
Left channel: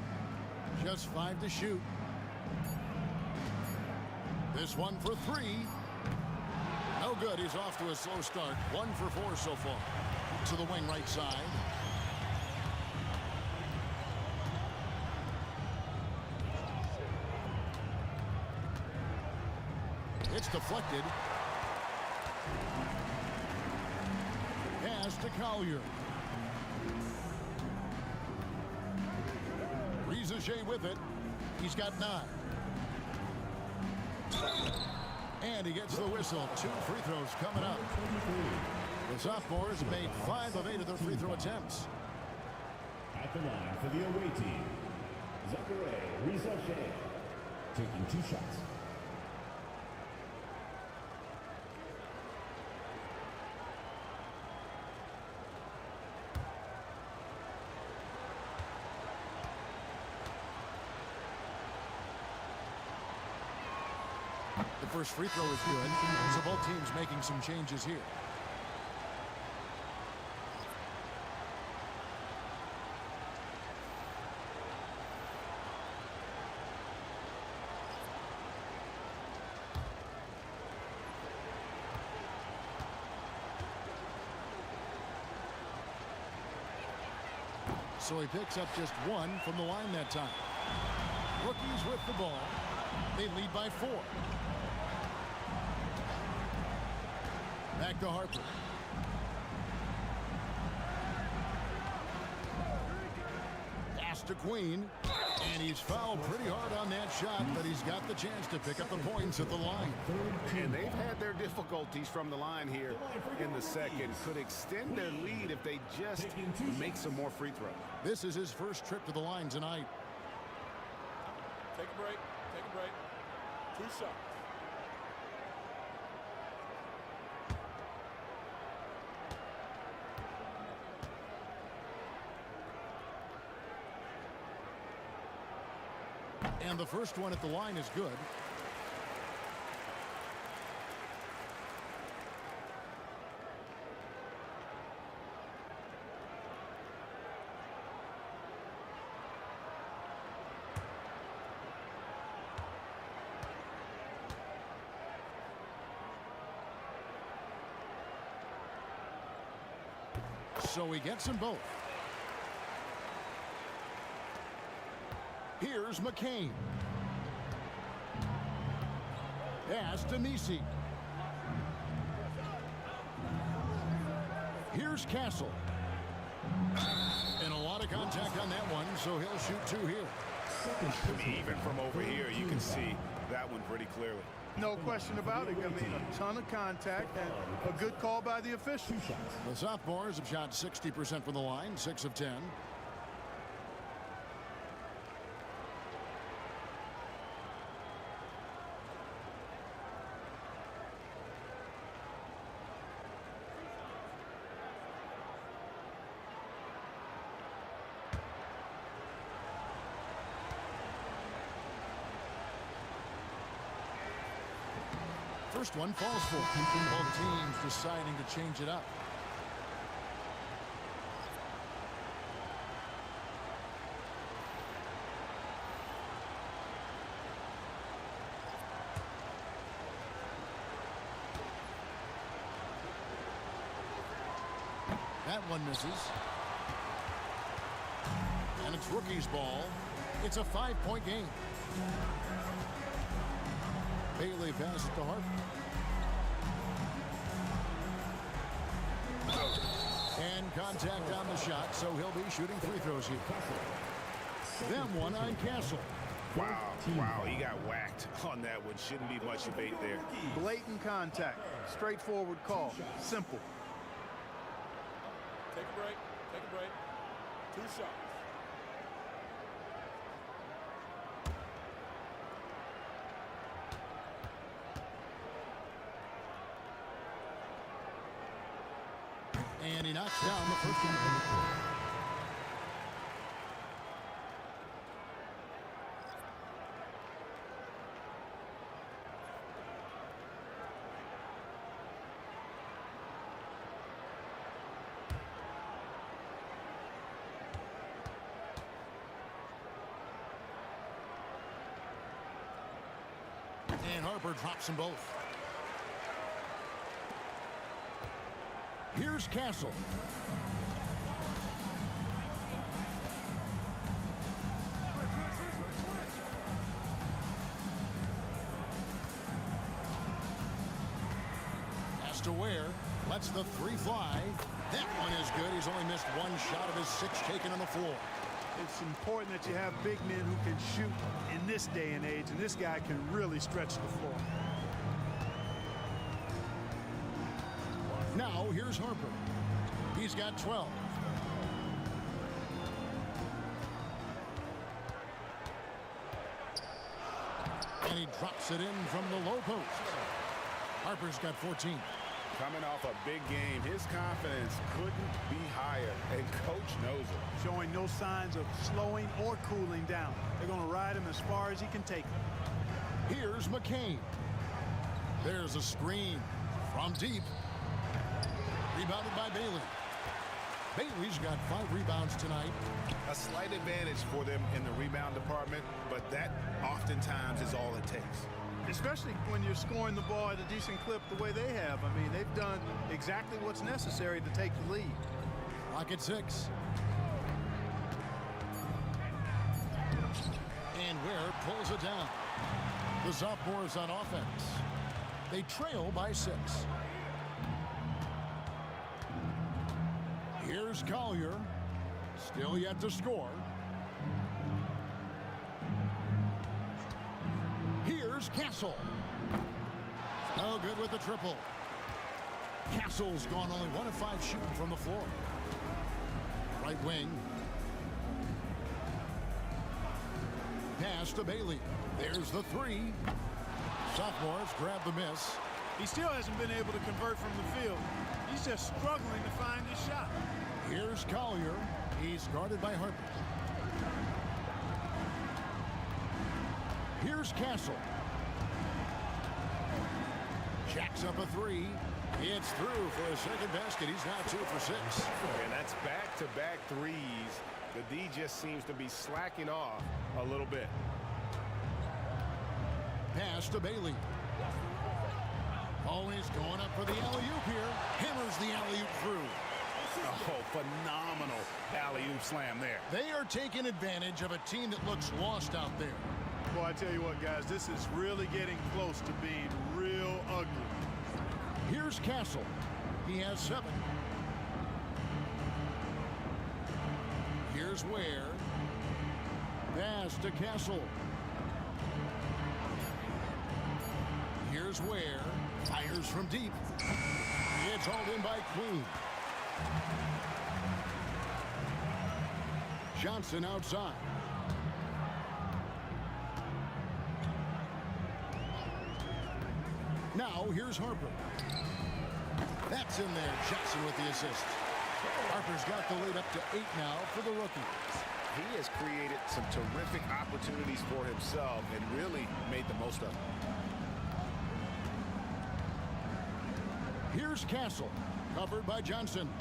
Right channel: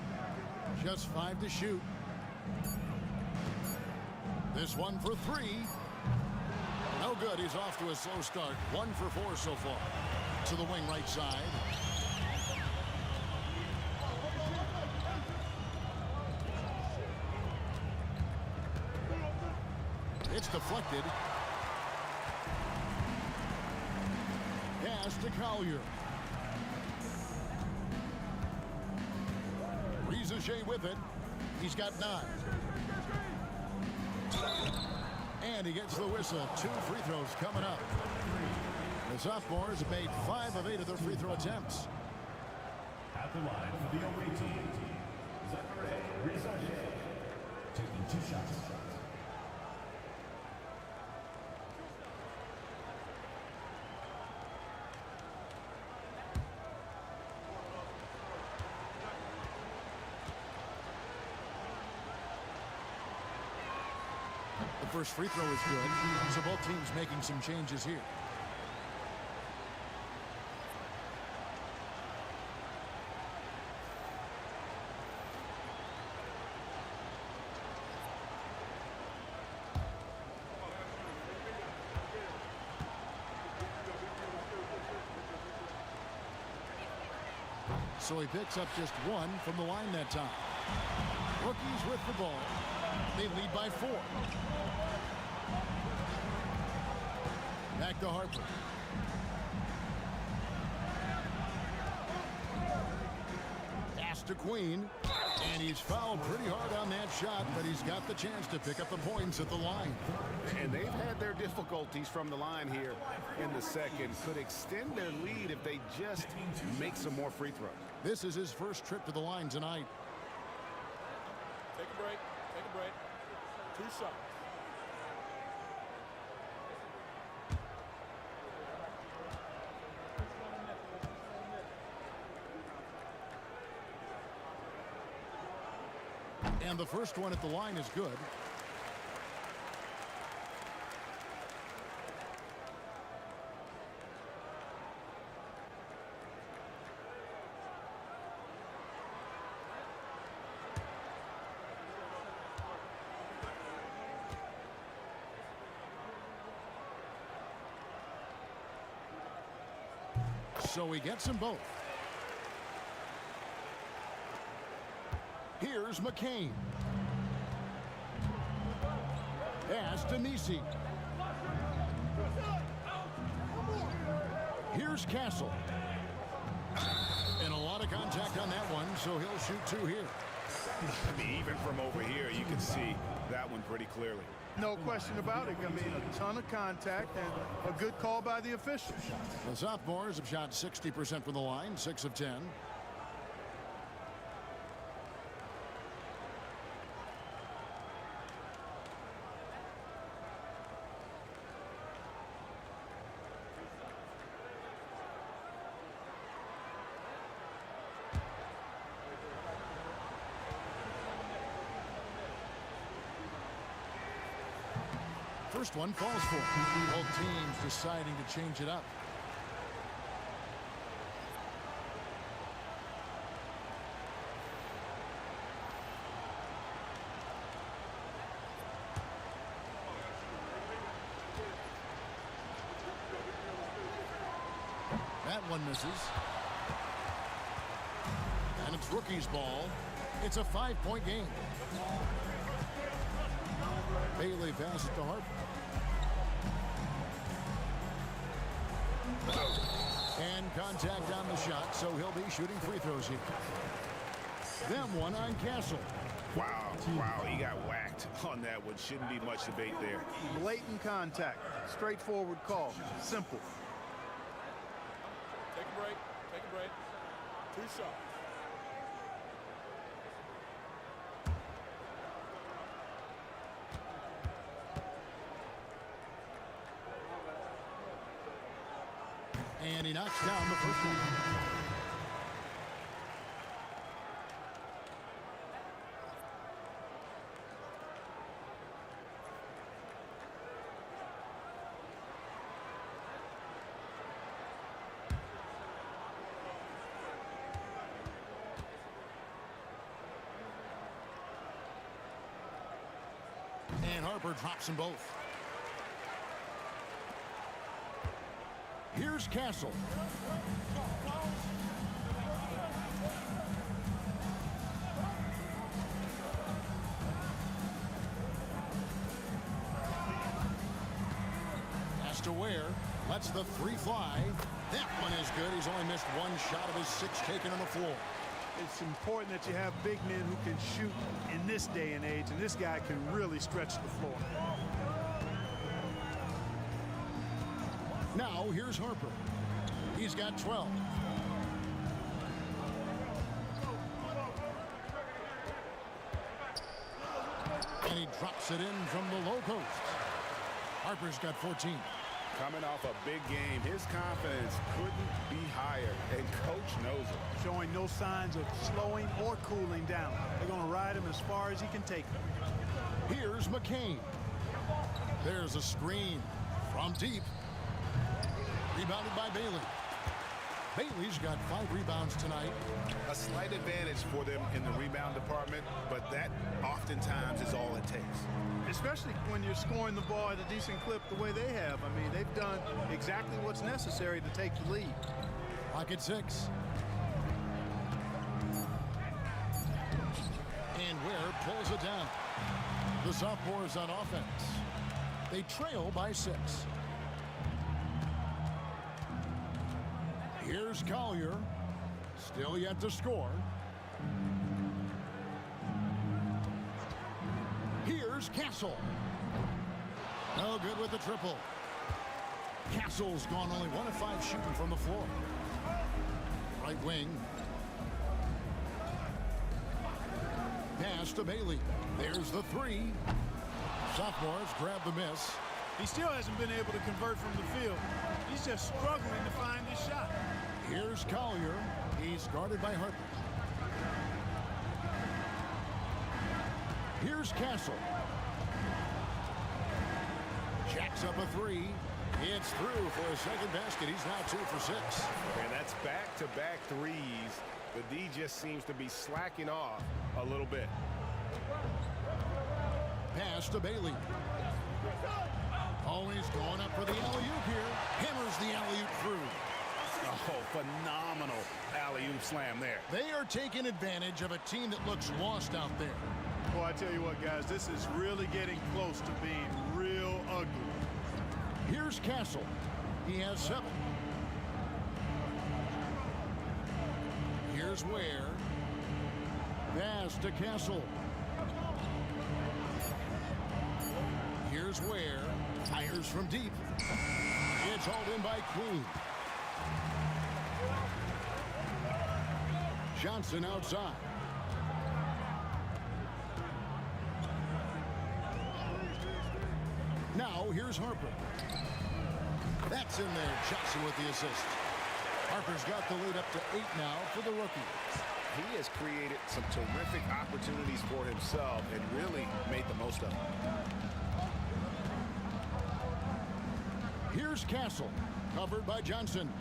Just 5 to shoot. This one for 3. No good. He's off to a slow start. 1 for 4 so far. To the wing right side. It's deflected. Pass to Collier. Reza Shea with it. He's got 9. And he gets the whistle. 2 free throws coming up. The sophomores made 5 of 8 of their free throw attempts. At the line for the away team, Zachary Reza Shea, taking 2 shots. The first free throw is good, so both teams making some changes here. So he picks up just 1 from the line that time. Rookies with the ball. They lead by 4. Back to Harper. Pass to Queen. And he's fouled pretty hard on that shot, but he's got the chance to pick up the points at the line. And they've had their difficulties from the line here in the second. Could extend their lead if they just make some more free throws. This is his first trip to the line tonight. Take a break. Take a break. 2 shots. And the first one at the line is good. So he gets them both. Here's McCain. Pass to Nisi. Here's Castle. And a lot of contact on that one, so he'll shoot 2 here. I mean, even from over here, you can see that one pretty clearly. No question about it. I mean, a ton of contact and a good call by the official. The sophomores have shot 60% from the line, 6 of 10. First one falls for it. Both teams deciding to change it up. That one misses. And it's rookie's ball. It's a 5-point game. Bailey passes to Harper. And contact on the shot, so he'll be shooting free throws here. Them one on Castle. Wow, he got whacked on that one. Shouldn't be much debate there. Blatant contact. Straightforward call. Simple. Take a break. Take a break. 2 shots. And he knocks down the first one. And Harper drops them both. Here's Castle. Pass to Ware. Lets the 3 fly. That one is good. He's only missed 1 shot of his 6 taken on the floor. It's important that you have big men who can shoot in this day and age, and this guy can really stretch the floor. Now here's Harper. He's got 12. And he drops it in from the low post. Harper's got 14. Coming off a big game, his confidence couldn't be higher, and coach knows it. Showing no signs of slowing or cooling down. They're going to ride him as far as he can take him. Here's McCain. There's a screen from deep. Rebounded by Bailey. Bailey's got 5 rebounds tonight. A slight advantage for them in the rebound department, but that oftentimes is all it takes. Especially when you're scoring the ball at a decent clip the way they have. I mean, they've done exactly what's necessary to take the lead. Clock at 6. And Ware pulls it down. The sophomores on offense. They trail by 6. Here's Collier. Still yet to score. Here's Castle. No good with the triple. Castle's gone only 1 of 5 shooting from the floor. Right wing. Pass to Bailey. There's the 3. Sophomores grab the miss. He still hasn't been able to convert from the field. He's just struggling to find his shot. Here's Collier. He's guarded by Harper. Here's Castle. Jacks up a 3. It's through for a second basket. He's now 2 for 6. And that's back-to-back threes. The D just seems to be slacking off a little bit. Pass to Bailey. Always going up for the alley-oop here. Hammers the alley-oop through. Oh, phenomenal alley-oop slam there. They are taking advantage of a team that looks lost out there. Boy, I tell you what, guys, this is really getting close to being real ugly. Here's Castle. He has 7. Here's Ware. Pass to Castle. Here's Ware. Fires from deep. It's hauled in by Queen. Johnson outside. Now here's Harper. That's in there. Johnson with the assist. Harper's got the lead up to 8 now for the rookie. He has created some terrific opportunities for himself and really made the most of them. Here's Castle, covered by Johnson.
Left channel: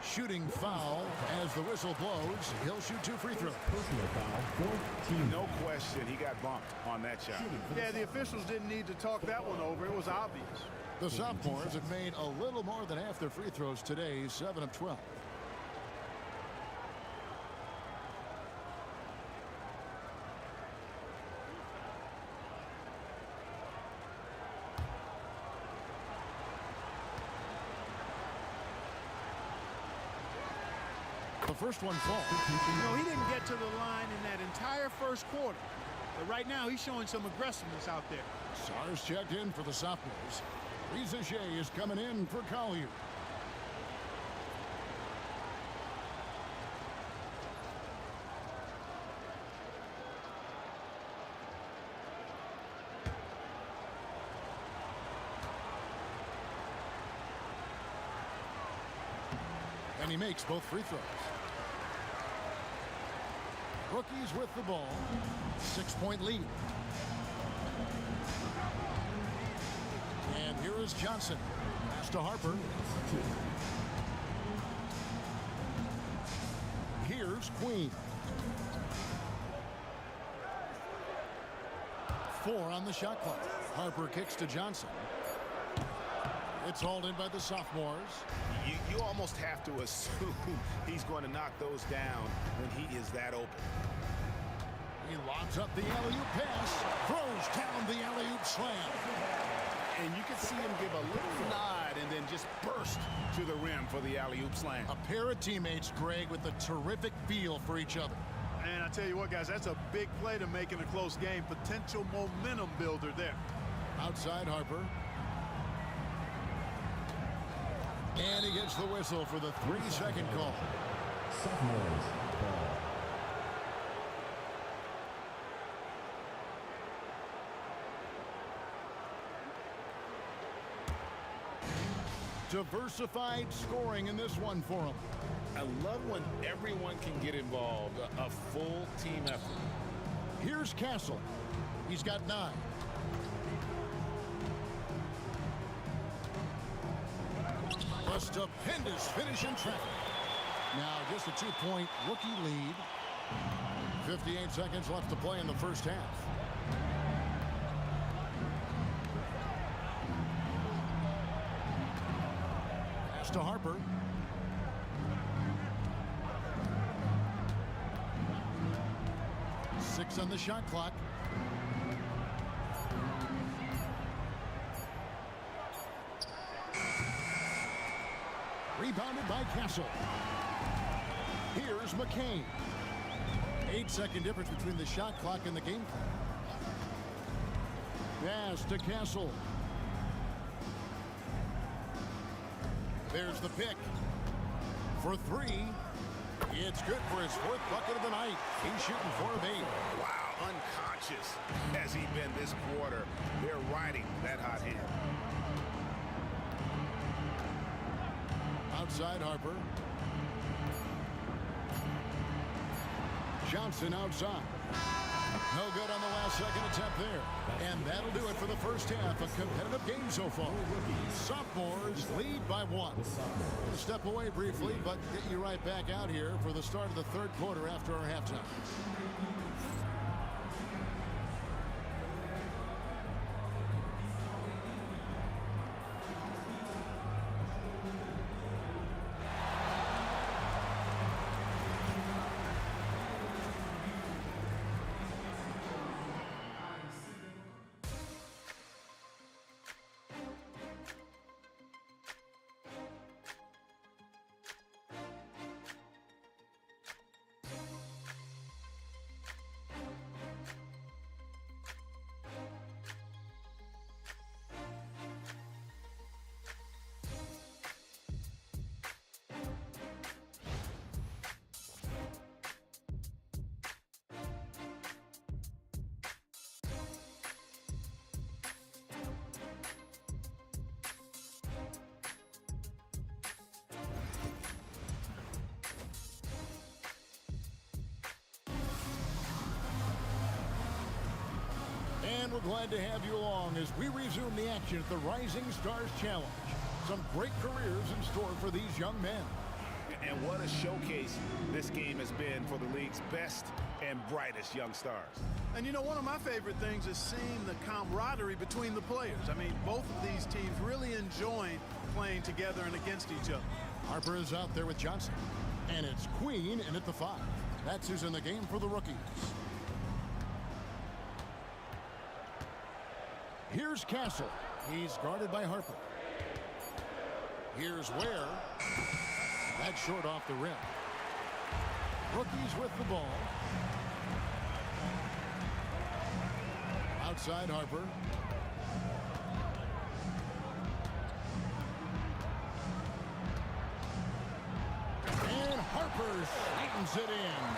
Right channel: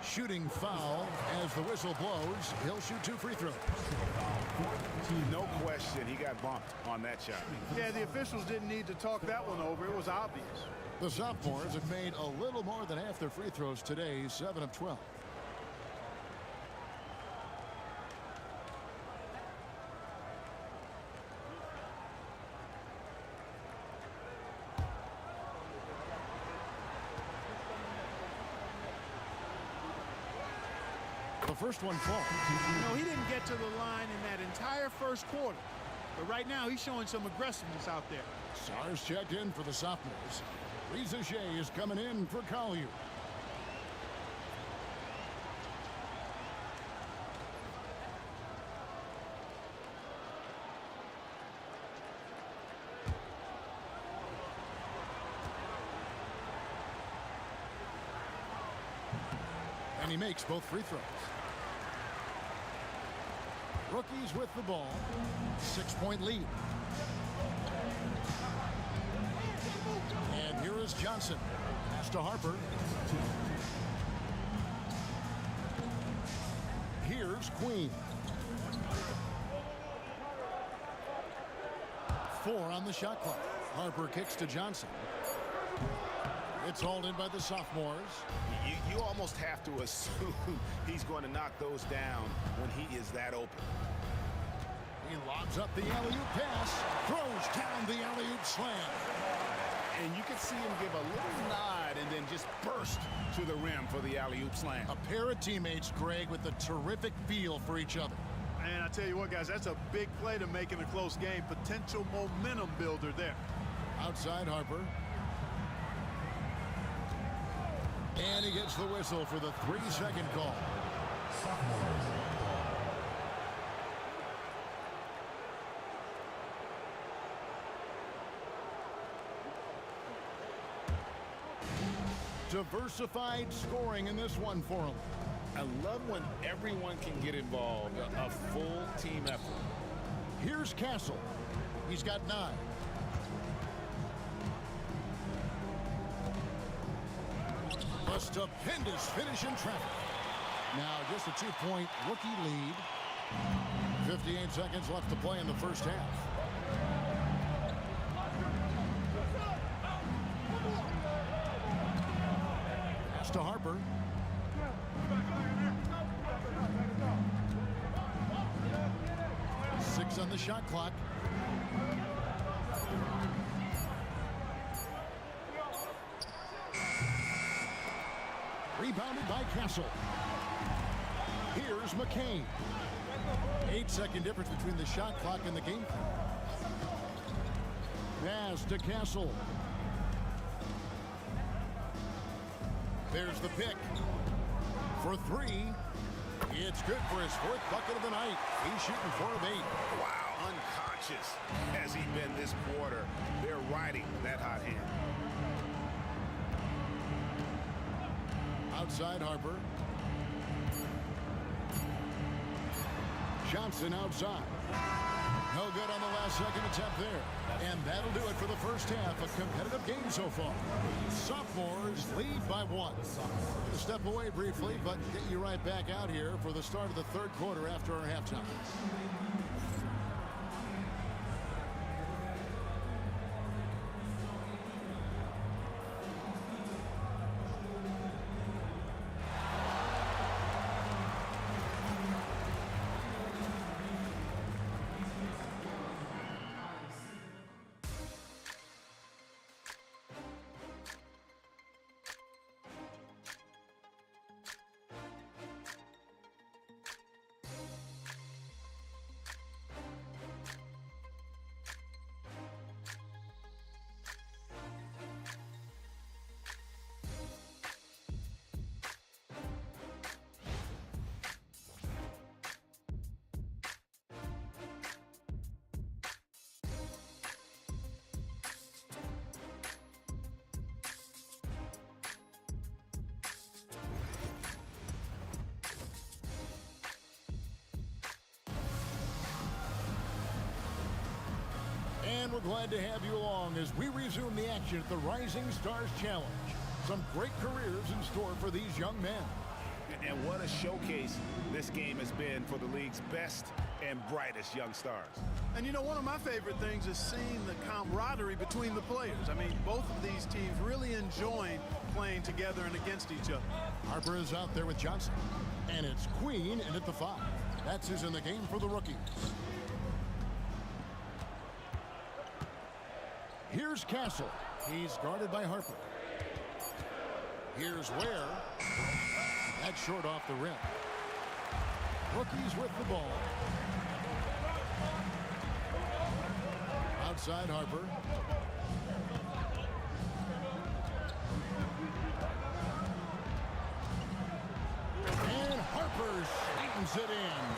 Shooting foul as the whistle blows. He'll shoot 2 free throws. Personal foul, 4th team. No question, he got bumped on that shot. Yeah, the officials didn't need to talk that one over. It was obvious. The sophomores have made a little more than half their free throws today, 7 of 12. The first one falls. No, he didn't get to the line in that entire first quarter. But right now, he's showing some aggressiveness out there. Sars checked in for the sophomores. Reza Shea is coming in for Collier. And he makes both free throws. Rookies with the ball. 6-point lead. And here is Johnson. Pass to Harper. Here's Queen. 4 on the shot clock. Harper kicks to Johnson. It's hauled in by the sophomores. You almost have to assume he's going to knock those down when he is that open. He lobs up the alley-oop pass, throws down the alley-oop slam. And you can see him give a little nod and then just burst to the rim for the alley-oop slam. A pair of teammates, Greg, with a terrific feel for each other. And I tell you what, guys, that's a big play to make in a close game. Potential momentum builder there. Outside Harper. And he gets the whistle for the 3-second call. Sophomores ball. Diversified scoring in this one for him. I love when everyone can get involved, a full team effort. Here's Castle. He's got 9. A stupendous finish in traffic. Now just a 2-point rookie lead. 58 seconds left to play in the first half. Pass to Harper. Six on the shot clock. Rebounded by Castle. Here's McCain. 8-second difference between the shot clock and the game clock. Pass to Castle. There's the pick. For 3. It's good for his 4th bucket of the night. He's shooting 4 of 8. Wow, unconscious has he been this quarter. They're riding that hot hand. Outside Harper. Johnson outside. No good on the last second attempt there. And that'll do it for the first half. A competitive game so far. Sophomores lead by 1. Gonna step away briefly, but get you right back out here for the start of the 3rd quarter after our halftime. And we're glad to have you along as we resume the action at the Rising Stars Challenge. Some great careers in store for these young men. And what a showcase this game has been for the league's best and brightest young stars. And you know, one of my favorite things is seeing the camaraderie between the players. I mean, both of these teams really enjoying playing together and against each other. Harper is out there with Johnson. And it's Queen in at the 5. That's who's in the game for the rookies. Here's Castle. He's guarded by Harper. Here's Ware. That's short off the rim. Rookies with the ball. Outside Harper. And Harper slams it in.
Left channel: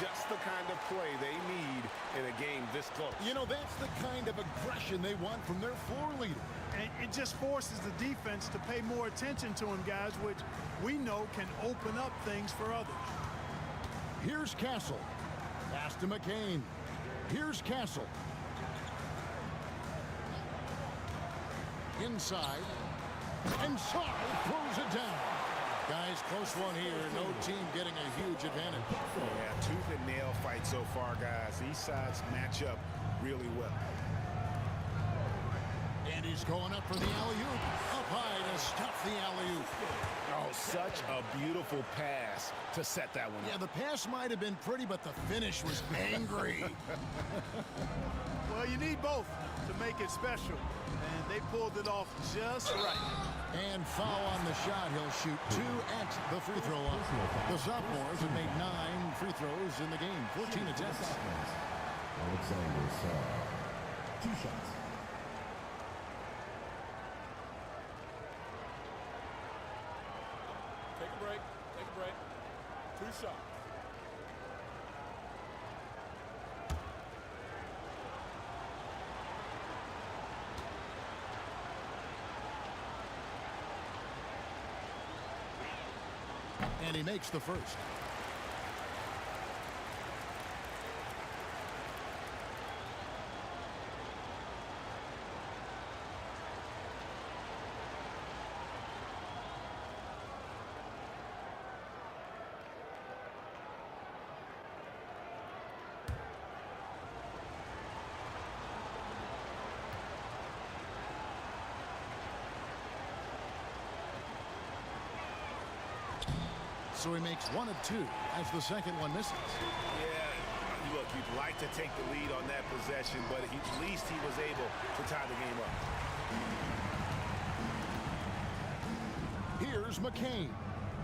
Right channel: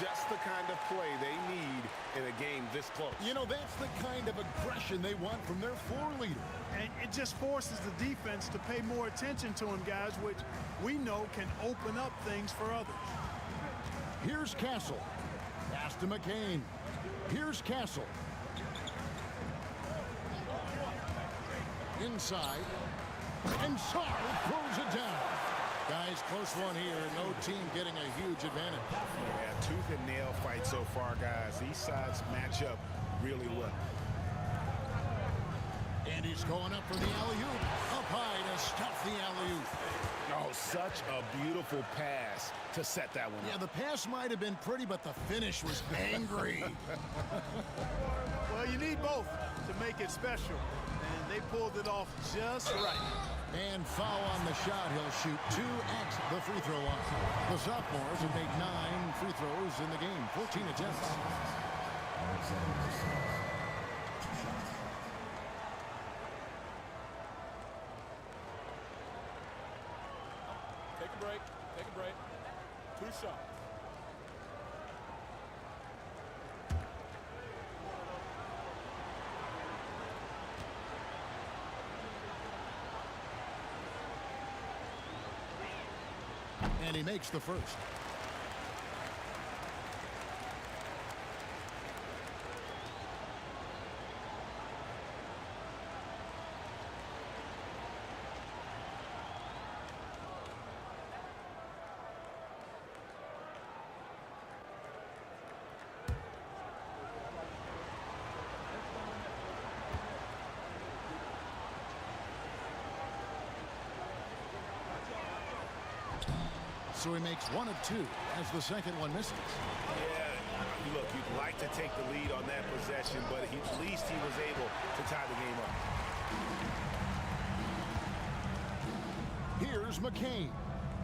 Just the kind of play they need in a game this close. You know, that's the kind of aggression they want from their floor leader. And it just forces the defense to pay more attention to him, guys, which we know can open up things for others. Here's Castle. Pass to McCain. Here's Castle. Inside. And Sarr throws it down. Guys, close one here. No team getting a huge advantage. Yeah, tooth and nail fight so far, guys. These sides match up really well. And he's going up for the alley-oop. Up high to stuff the alley-oop. Oh, such a beautiful pass to set that one up. Yeah, the pass might have been pretty, but the finish was angry. Well, you need both to make it special. And they pulled it off just right. And foul on the shot. He'll shoot 2 at the free throw line. The sophomores have made 9 free throws in the game, 14 attempts. Alexander Sarr, 2 shots. Take a break. Take a break. 2 shots. And he makes the first. So he makes 1 of 2 as the second one misses. Yeah, look, you'd like to take the lead on that possession, but at least he was able to tie the game up. Here's McCain.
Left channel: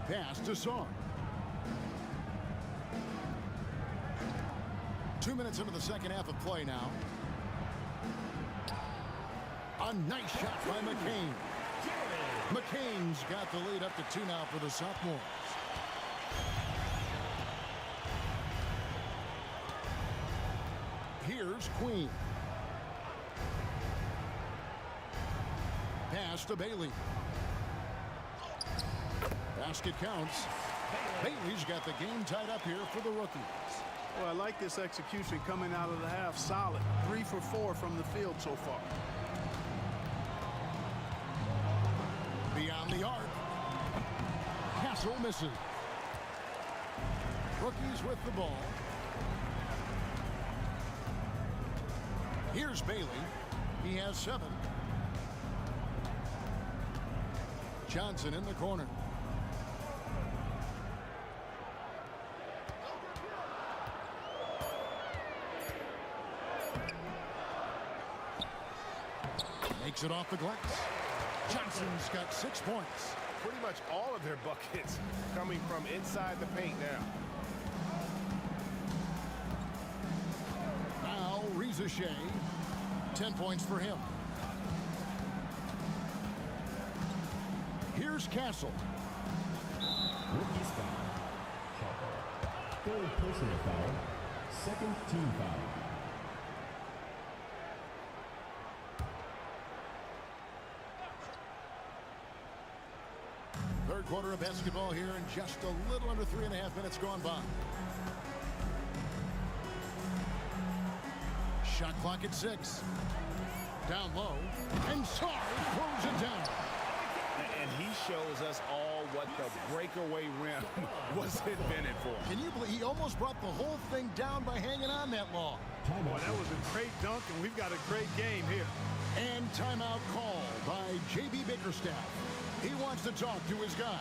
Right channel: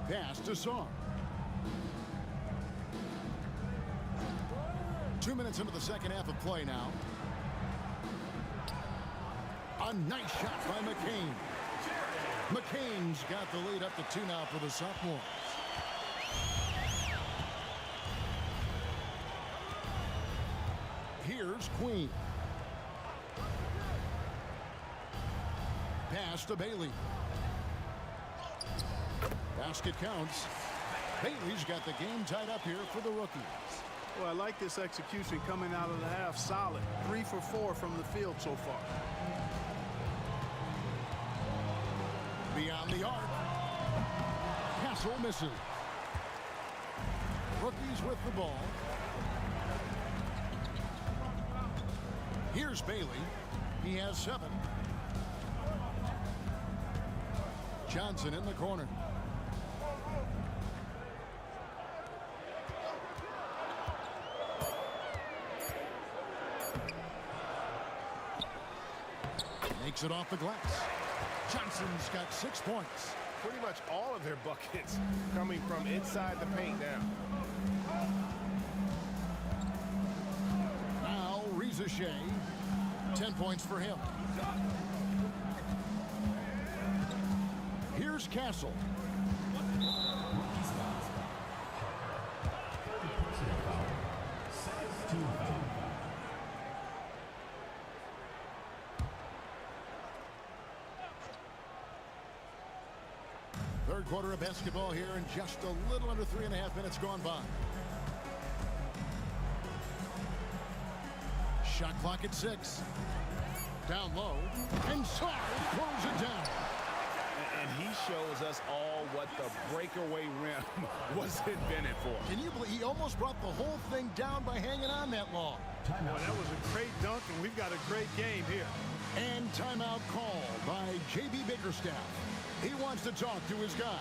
Pass to Sarr. 2 minutes into the second half of play now. A nice shot by McCain. McCain's got the lead up to 2 now for the sophomores. Here's Queen. Pass to Bailey. Basket counts. Bailey's got the game tied up here for the rookies. Well, I like this execution coming out of the half. Solid. 3 for 4 from the field so far. Beyond the arc. Castle misses. Rookies with the ball. Here's Bailey. He has 7. Johnson in the corner. Makes it off the glass. Johnson's got 6 points. Pretty much all of their buckets coming from inside the paint now. Now, Shea, 10 points for him. Here's Castle. Rookie foul. Harper. 3rd personal foul. 2nd team foul. Third quarter of basketball here, and just a little under 3.5 minutes gone by. Shot clock at 6. Down low, and Sarr throws it down. And he shows us all what the breakaway rim was invented for. Can you believe he almost brought the whole thing down by hanging on that long? Boy, that was a great dunk, and we've got a great game here. And timeout called by J.B. Bickerstaff. He wants to talk to his guys.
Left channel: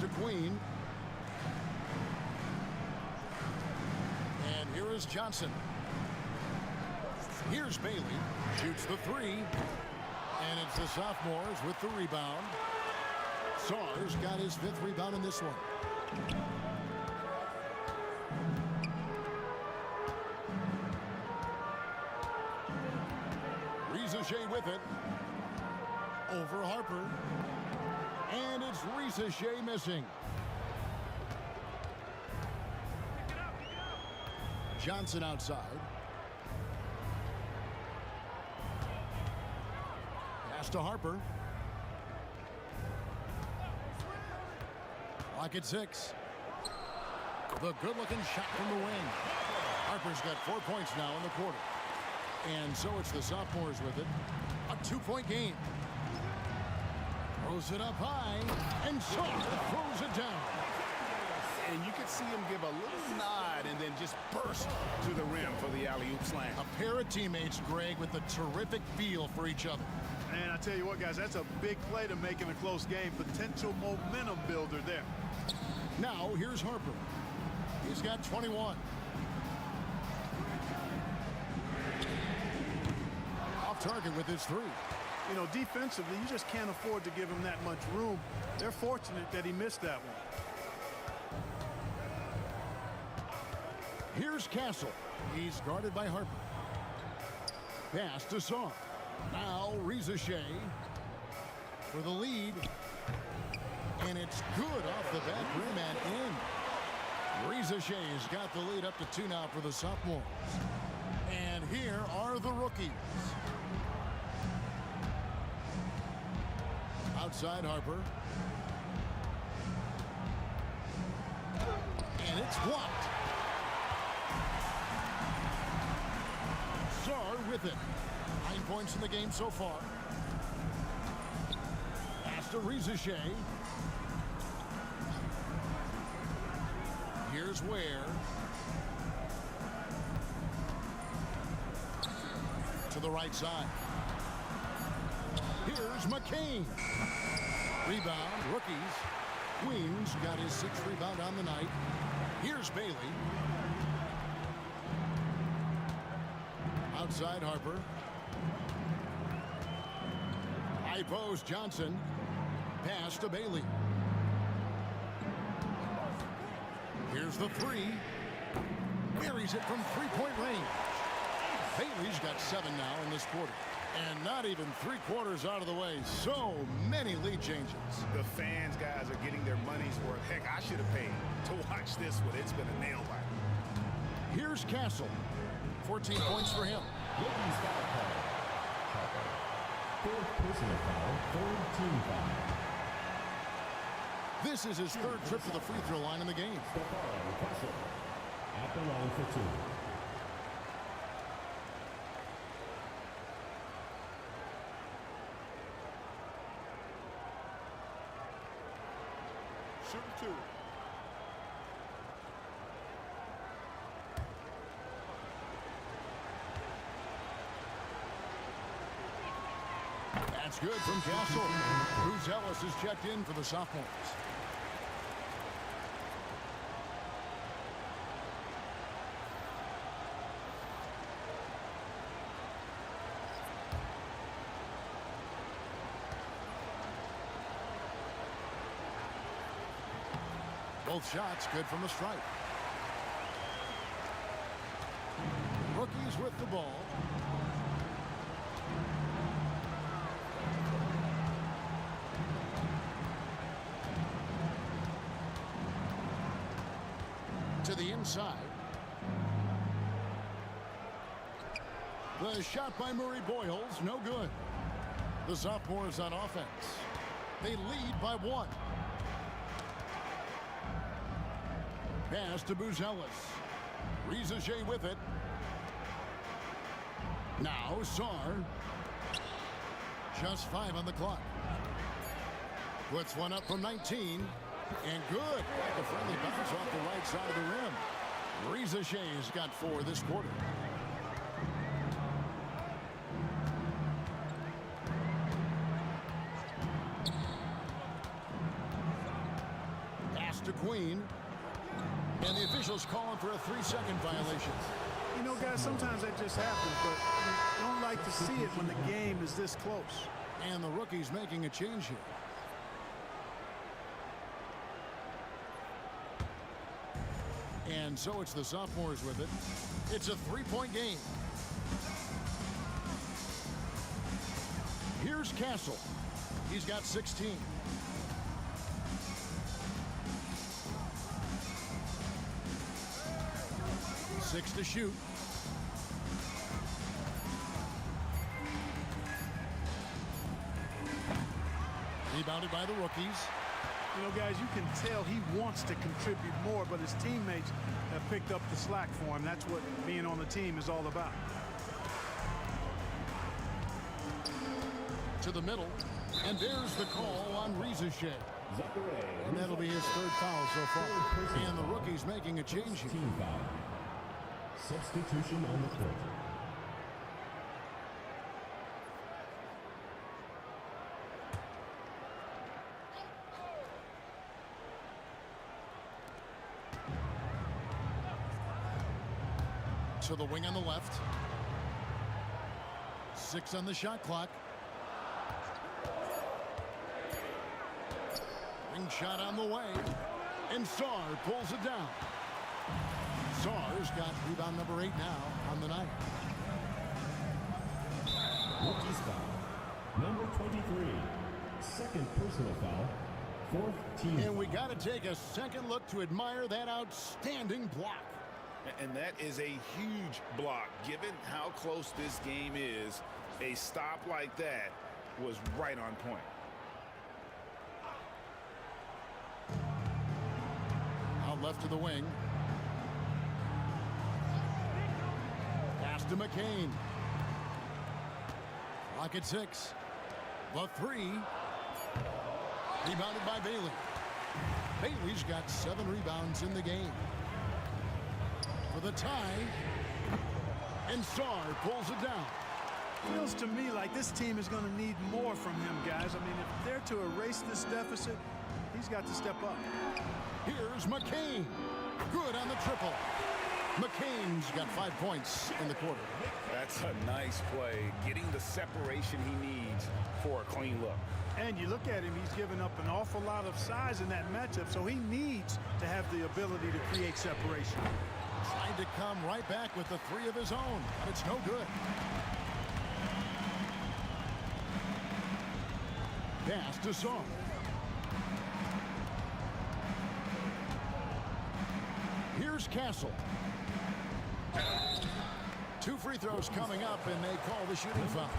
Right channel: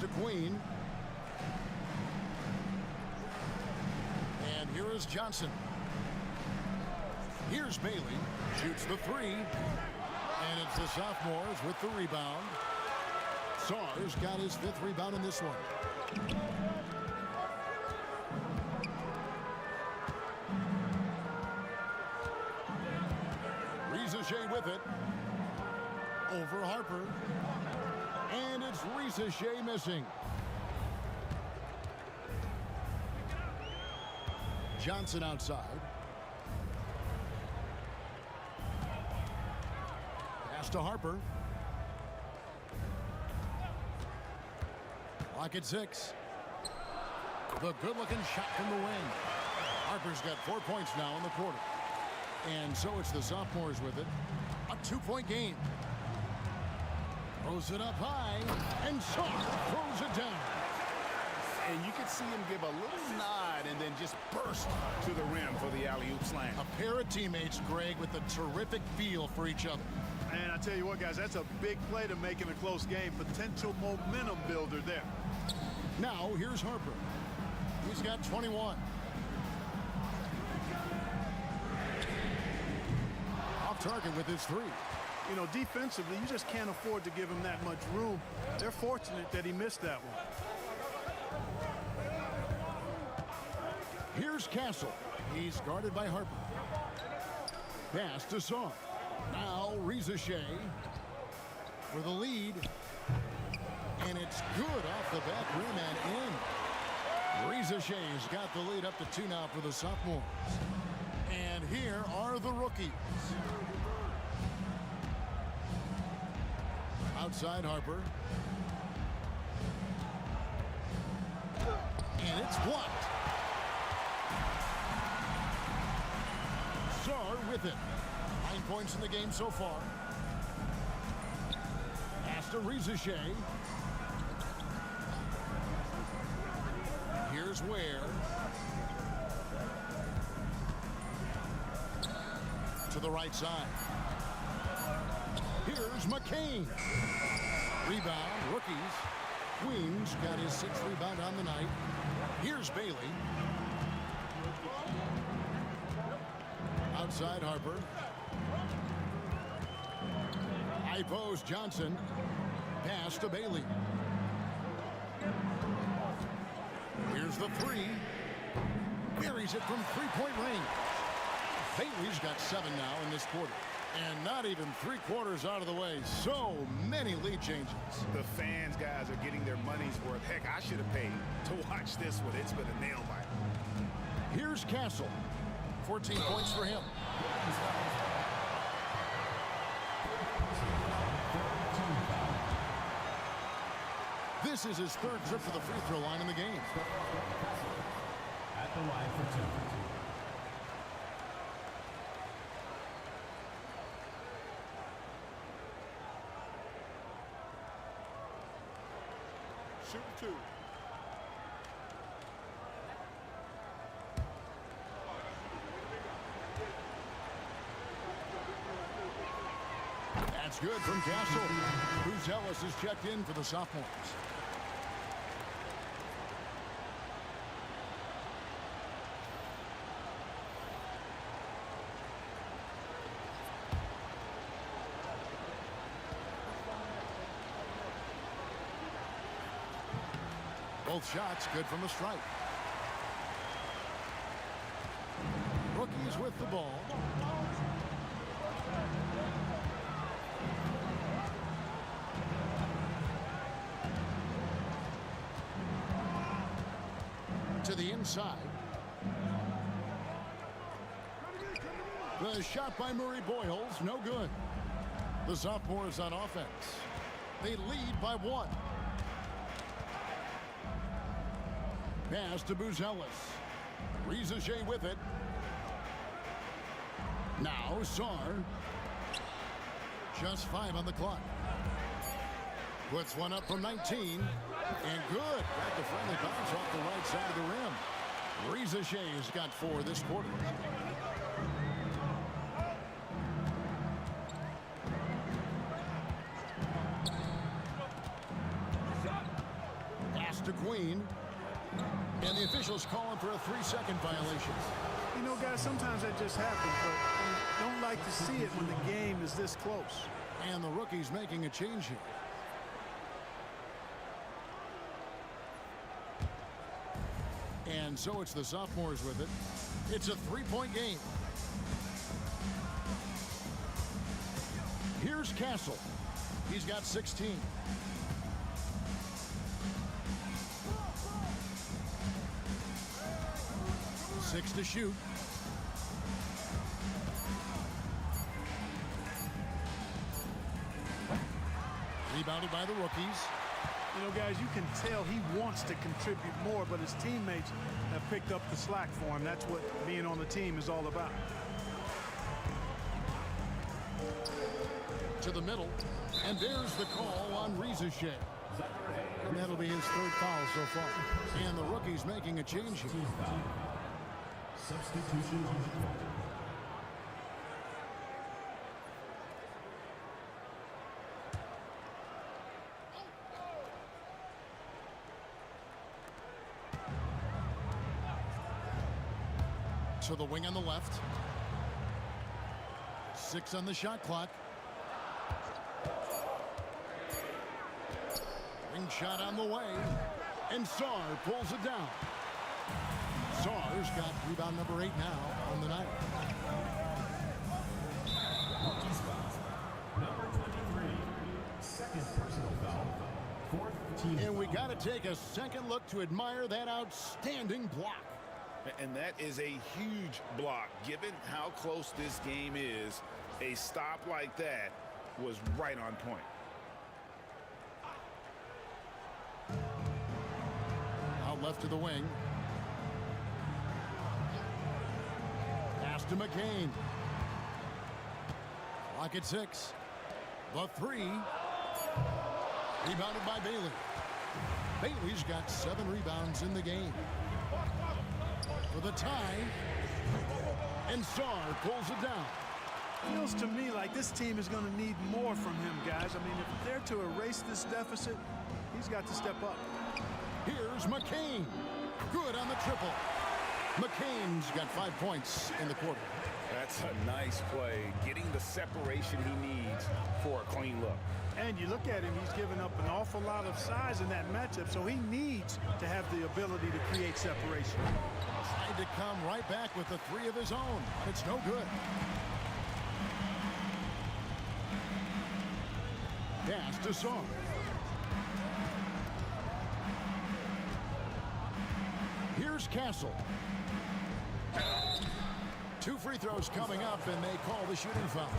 To Queen. And here is Johnson. Here's Bailey. Shoots the 3. And it's the sophomores with the rebound. Sarr's got his 5th rebound in this one. Rizachet with it. Over Harper. And it's Rizachet missing. Johnson outside. Pass to Harper. Clock at 6. The good-looking shot from the wing. Harper's got 4 points now in the quarter. And so it's the sophomores with it. A 2-point game. Throws it up high, and Sarr throws it down. And you could see him give a little nod and then just burst to the rim for the alley-oop slam. A pair of teammates, Greg, with a terrific feel for each other. And I tell you what, guys, that's a big play to make in a close game. Potential momentum builder there. Now, here's Harper. He's got 21. Off target with his 3. You know, defensively, you just can't afford to give him that much room. They're fortunate that he missed that one. Here's Castle. He's guarded by Harper. Pass to Sarr. Now Rizachet for the lead. And it's good off the back rim and in. Rizachet's got the lead up to 2 now for the sophomores. And here are the rookies. Outside Harper. And it's blocked. Sarr with it. 9 points in the game so far. Pass to Rizachet. Here's Ware. To the right side. Here's McCain. Rebound, rookies. Queens got his 6th rebound on the night. Here's Bailey. Outside Harper. High post Johnson. Pass to Bailey. Here's the three. Buries it from three-point range. Bailey's got 7 now in this quarter. And not even 3/4 out of the way. So many lead changes. The fans, guys, are getting their money's worth. Heck, I should have paid to watch this one. It's been a nail biter. Here's Castle. 14 points for him. Fourth personal foul, third team foul. This is his 3rd trip to the free throw line in the game. At the line for 2. Shooting 2. That's good from Castle. Bruce Ellis is checked in for the sophomores. Both shots good from the stripe. Rookies with the ball. To the inside. The shot by Murray Boyles, no good. The sophomores on offense. They lead by 1. Pass to Buzelis. Rizachet with it. Now Sarr. Just 5 on the clock. Puts one up from 19. And good. Got the friendly bounce off the right side of the rim. Rizachet's got 4 this quarter. Pass to Queen. And the officials calling for a 3-second violation. You know, guys, sometimes that just happens, but you don't like to see it when the game is this close. And the rookie's making a change here. And so it's the sophomores with it. It's a 3-point game. Here's Castle. He's got 16. Six to shoot. Rebounded by the rookies. You know, guys, you can tell he wants to contribute more, but his teammates have picked up the slack for him. That's what being on the team is all about. To the middle, and there's the call on Rizachet. And that'll be his 3rd foul so far. And the rookie's making a change here. Team foul. Substitution on the court. To the wing on the left. 6 on the shot clock. Wing shot on the way. And Sarr pulls it down. Sarr's got rebound number 8 now on the night. Rookie's foul. Number 23. 2nd personal foul. 4th team And we foul. got to take a second look to admire that outstanding block. And that is a huge block. Given how close this game is, a stop like that was right on point. Out left to the wing. Pass to McCain. Clock at 6. The 3. Rebounded by Bailey. Bailey's got 7 rebounds in the game. For the tie. And Sarr pulls it down. Feels to me like this team is going to need more from him, guys. I mean, if they're to erase this deficit, he's got to step up. Here's McCain. Good on the triple. McCain's got 5 points in the quarter. That's a nice play, getting the separation he needs for a clean look. And you look at him, he's given up an awful lot of size in that matchup, so he needs to have the ability to create separation. Tried to come right back with the three of his own, but it's no good. Pass to Song. Here's Castle. 2 free throws coming up, and they call the shooting foul.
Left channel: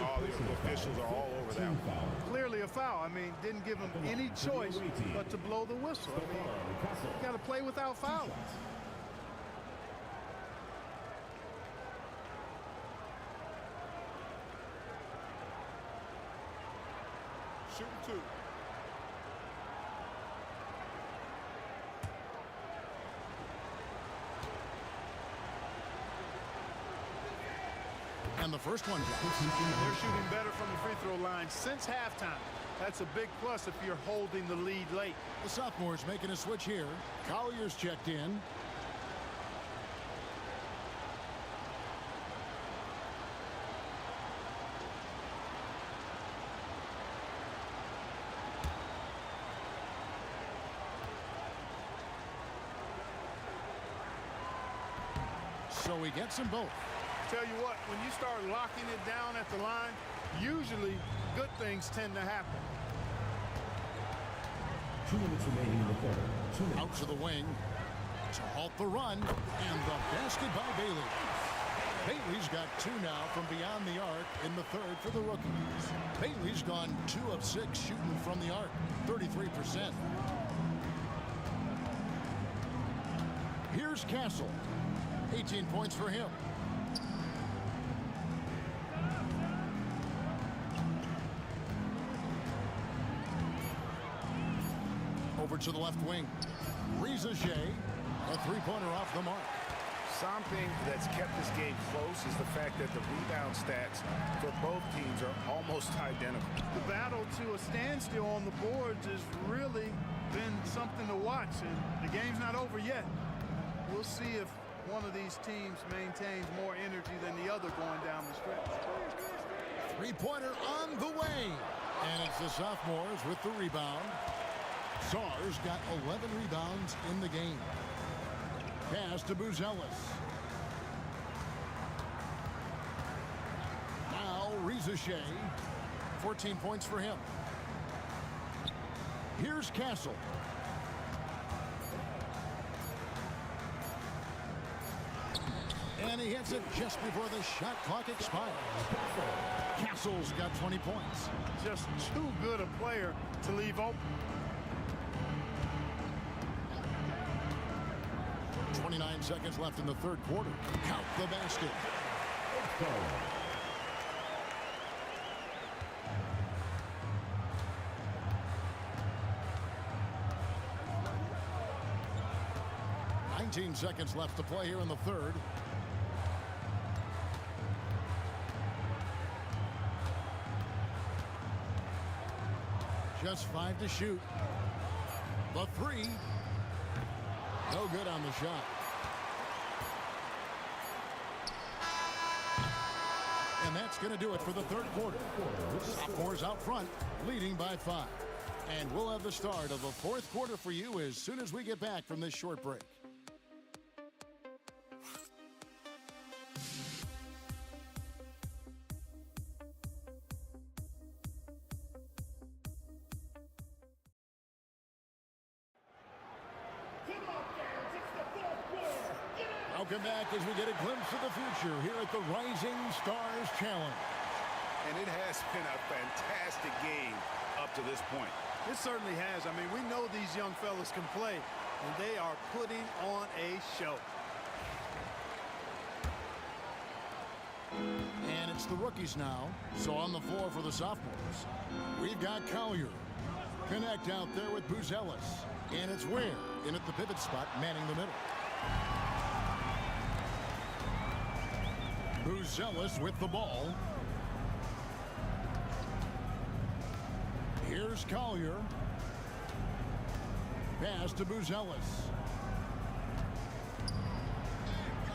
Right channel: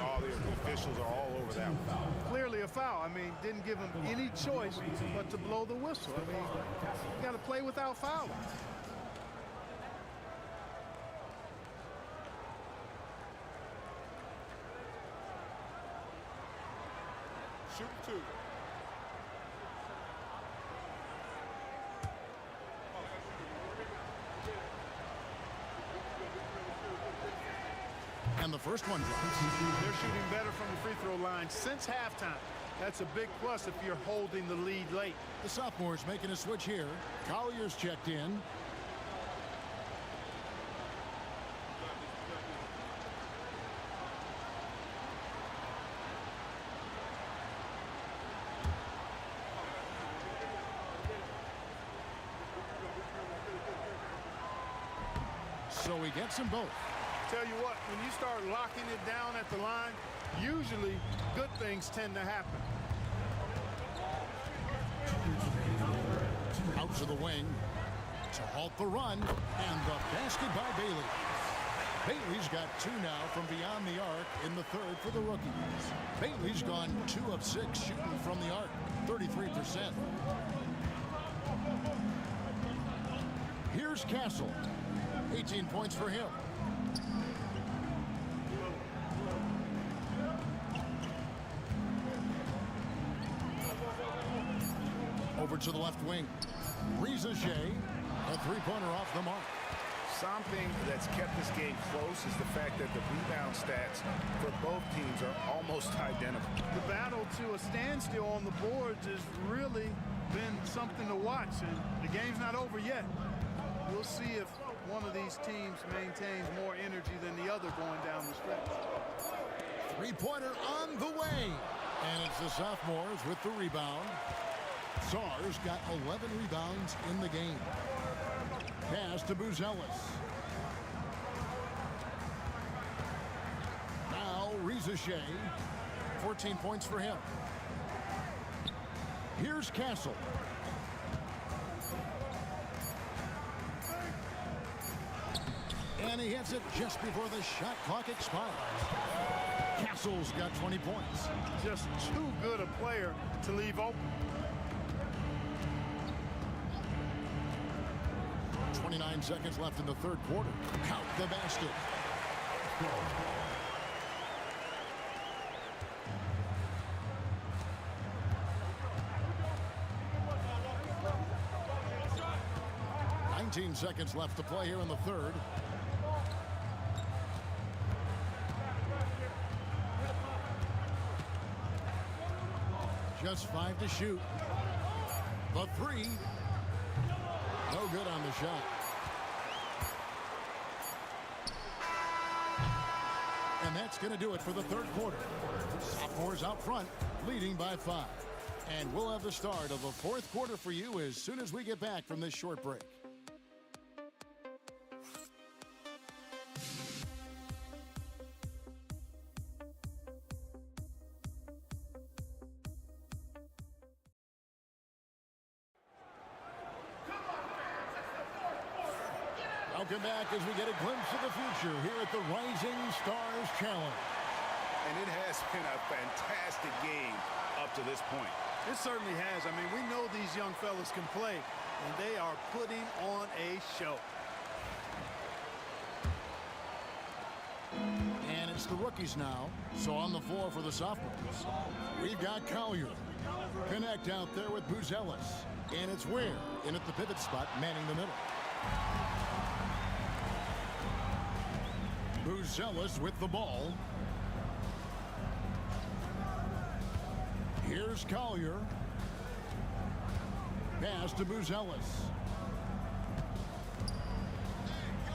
All the officials are all over that one. Clearly a foul. I mean, didn't give him any choice but to blow the whistle. I mean, you got to play without fouling. Shooting 2. And the first one drops. They're shooting better from the free throw line since halftime. That's a big plus if you're holding the lead late. The sophomores making a switch here. Collier's checked in. So he gets them both. Tell you what, when you start locking it down at the line, usually good things tend to happen. 2 minutes remaining in the third. 2 minutes. Out to the wing to halt the run, and the basket by Bailey. Bailey's got 2 now from beyond the arc in the third for the rookies. Bailey's gone 2 of 6 shooting from the arc, 33%. Here's Castle, 18 points for him. Over to the left wing. Reza Shea, a 3-pointer off the mark. Something that's kept this game close is the fact that the rebound stats for both teams are almost identical. The battle to a standstill on the boards has really been something to watch, and the game's not over yet. We'll see if one of these teams maintains more energy than the other going down the stretch. 3-pointer on the way. And it's the sophomores with the rebound. Sar's got 11 rebounds in the game. Pass to Buzelis. Now Reza Shea, 14 points for him. Here's Castle. And he hits it just before the shot clock expires. Castle's got 20 points. Just too good a player to leave open. 29 seconds left in the third quarter. Count the basket. Seconds left to play here in the third. Just 5 to shoot. The 3. No good on the shot. And that's going to do it for the third quarter. Sophomores out front, leading by 5. And we'll have the start of the fourth quarter for you as soon as we get back from this short break. Welcome back as we get a glimpse of the future here at the Rising Stars Challenge. And it has been a fantastic game up to this point. It certainly has. I mean, we know these young fellas can play, and they are putting on a show. And it's the rookies now. So on the floor for the sophomores, we've got Collier. Connect out there with Buzelis. And it's Ware in at the pivot spot, manning the middle. Buzelis with the ball. Here's Collier. Pass to Buzelis.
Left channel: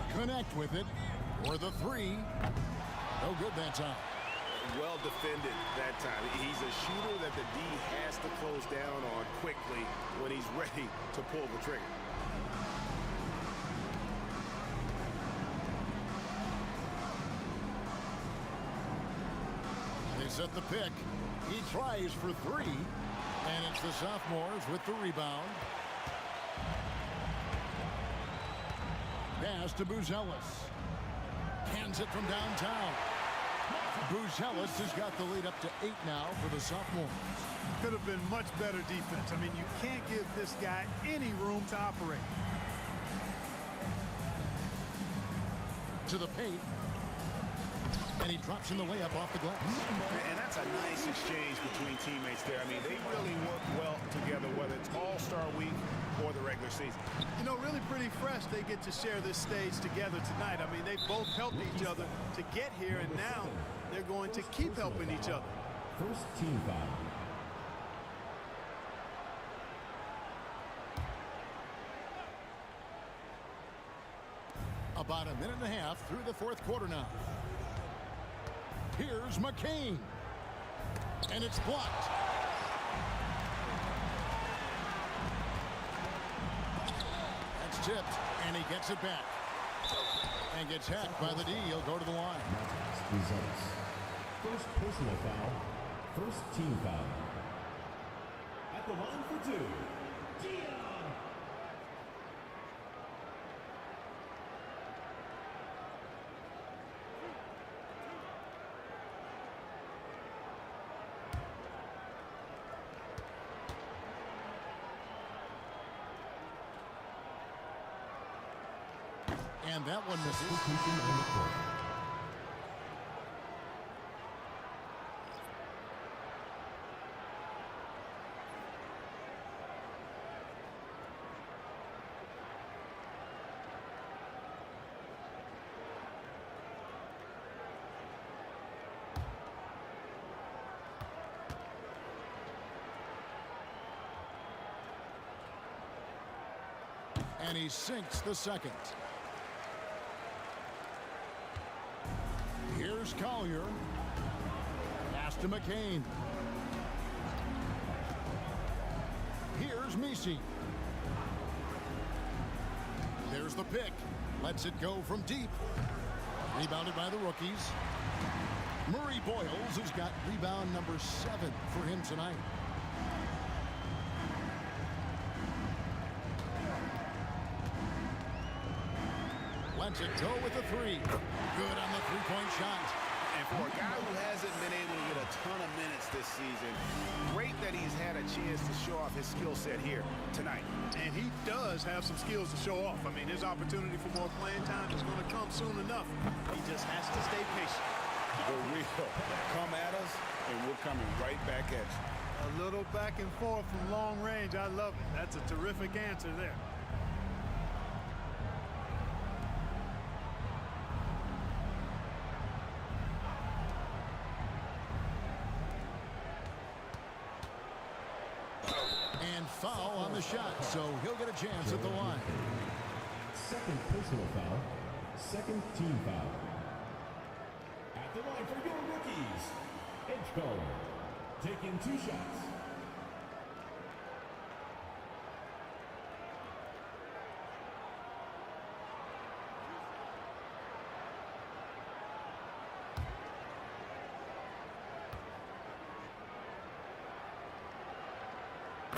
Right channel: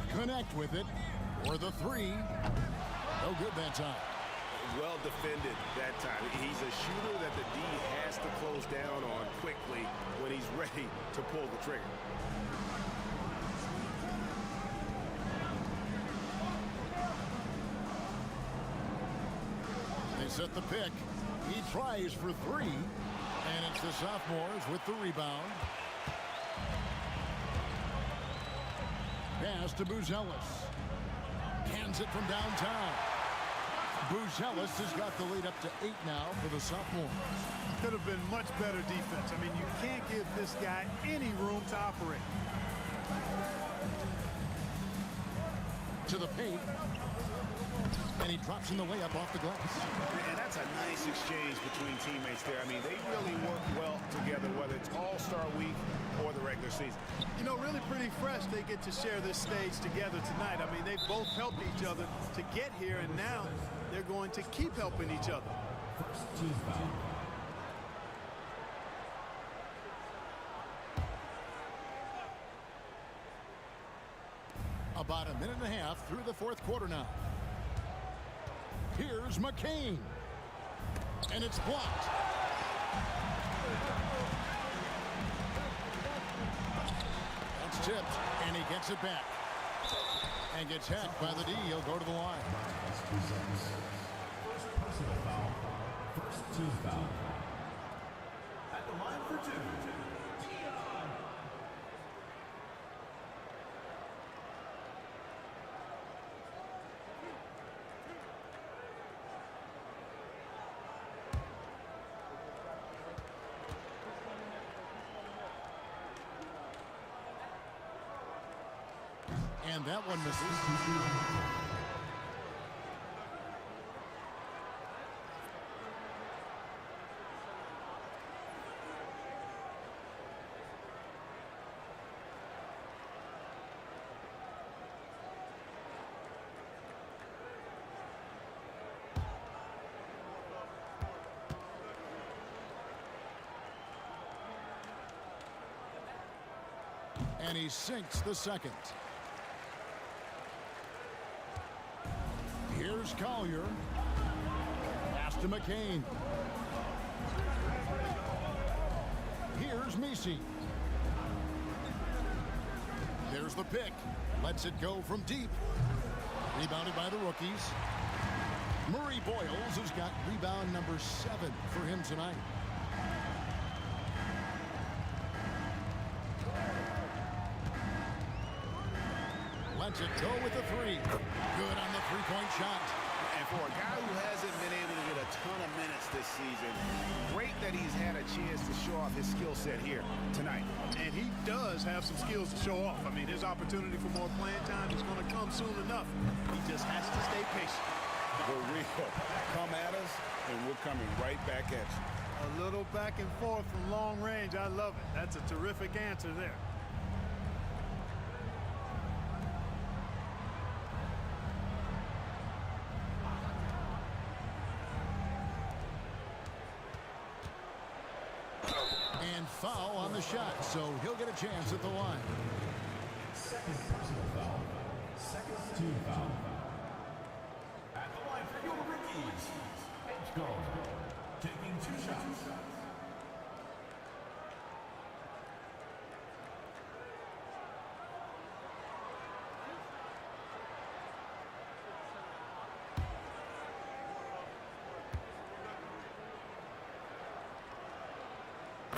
Connect with it. For the three. No good that time. Well defended that time. He's a shooter that the D has to close down on quickly when he's ready to pull the trigger. They set the pick. He tries for three. And it's the sophomores with the rebound. Pass to Buzelis. Hands it from downtown. Buzelis has got the lead up to 8 now for the sophomores. Could have been much better defense. I mean, you can't give this guy any room to operate. To the paint. And he drops in the layup off the glass. And that's a nice exchange between teammates there. I mean, they really work well together, whether it's All-Star Week or the regular season. You know, really pretty fresh they get to share this stage together tonight. I mean, they both helped each other to get here, and now they're going to keep helping each other. First team foul. About a minute and a half through the fourth quarter now. Here's McCain. And it's blocked. That's tipped, and he gets it back. And gets hacked by the D. He'll go to the line. Results. First personal foul. First team foul. At the line for two. Dion. And that one misses. And he sinks the second. Here's Collier. Pass to McCain. Here's Messi. There's the pick. Lets it go from deep. Rebounded by the rookies. Murray Boyles has got rebound number 7 for him tonight. Lets it go with the three. Good on the three-point shot. And for a guy who hasn't been able to get a ton of minutes this season, great that he's had a chance to show off his skill set here tonight. And he does have some skills to show off. I mean, his opportunity for more playing time is going to come soon enough. He just has to stay patient. The real come at us, and we're coming right back at you. A little back and forth from long range. I love it. That's a terrific answer there. And foul on the shot, so he'll get a chance at the line. Second personal foul. Second team foul. At the line for your rookies. Edgecombe taking 2 shots.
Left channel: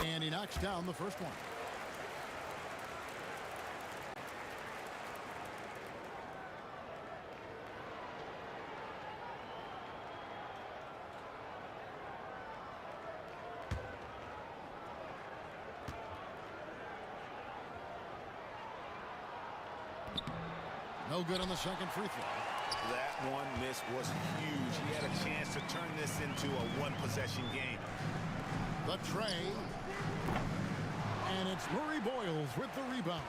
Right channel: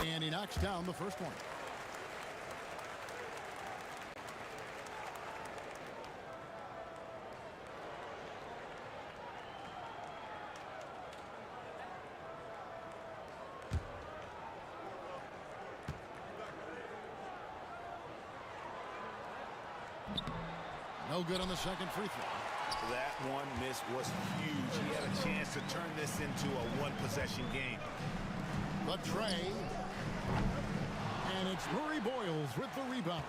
And he knocks down the first one. No good on the second free throw. That one miss was huge. He had a chance to turn this into a one-possession game. The tray. And it's Murray Boyles with the rebound.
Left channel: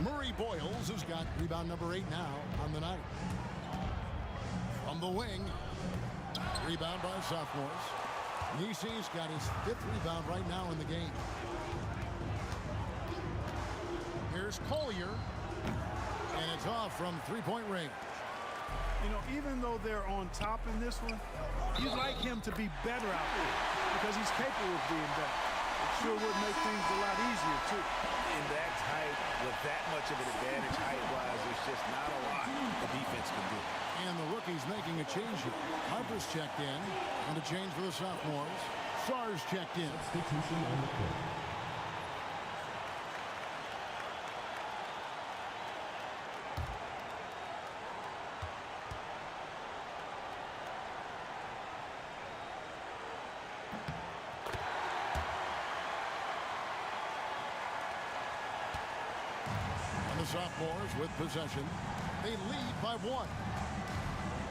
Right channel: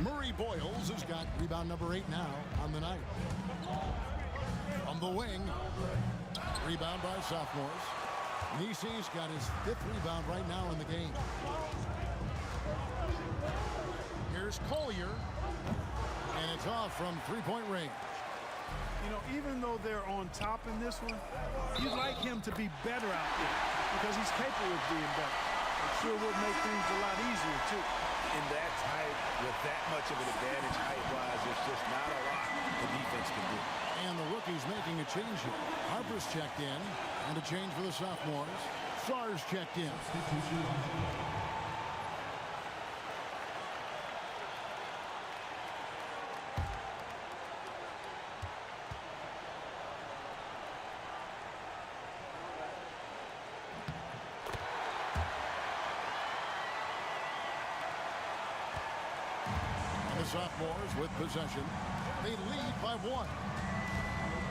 Murray Boyles has got rebound number 8 now on the night. From the wing. Rebound by sophomores. Nisi's got his 5th rebound right now in the game. Here's Collier. And it's off from three-point range. You know, even though they're on top in this one, you'd like him to be better out there because he's capable of being better. It sure would make things a lot easier, too. In that tight, with that much of an advantage height-wise, there's just not a lot the defense can do. And the rookie's making a change here. Harper's checked in, and a change for the sophomores. Sarr's checked in. Substitution on the court. And the sophomores with possession. They lead by 1.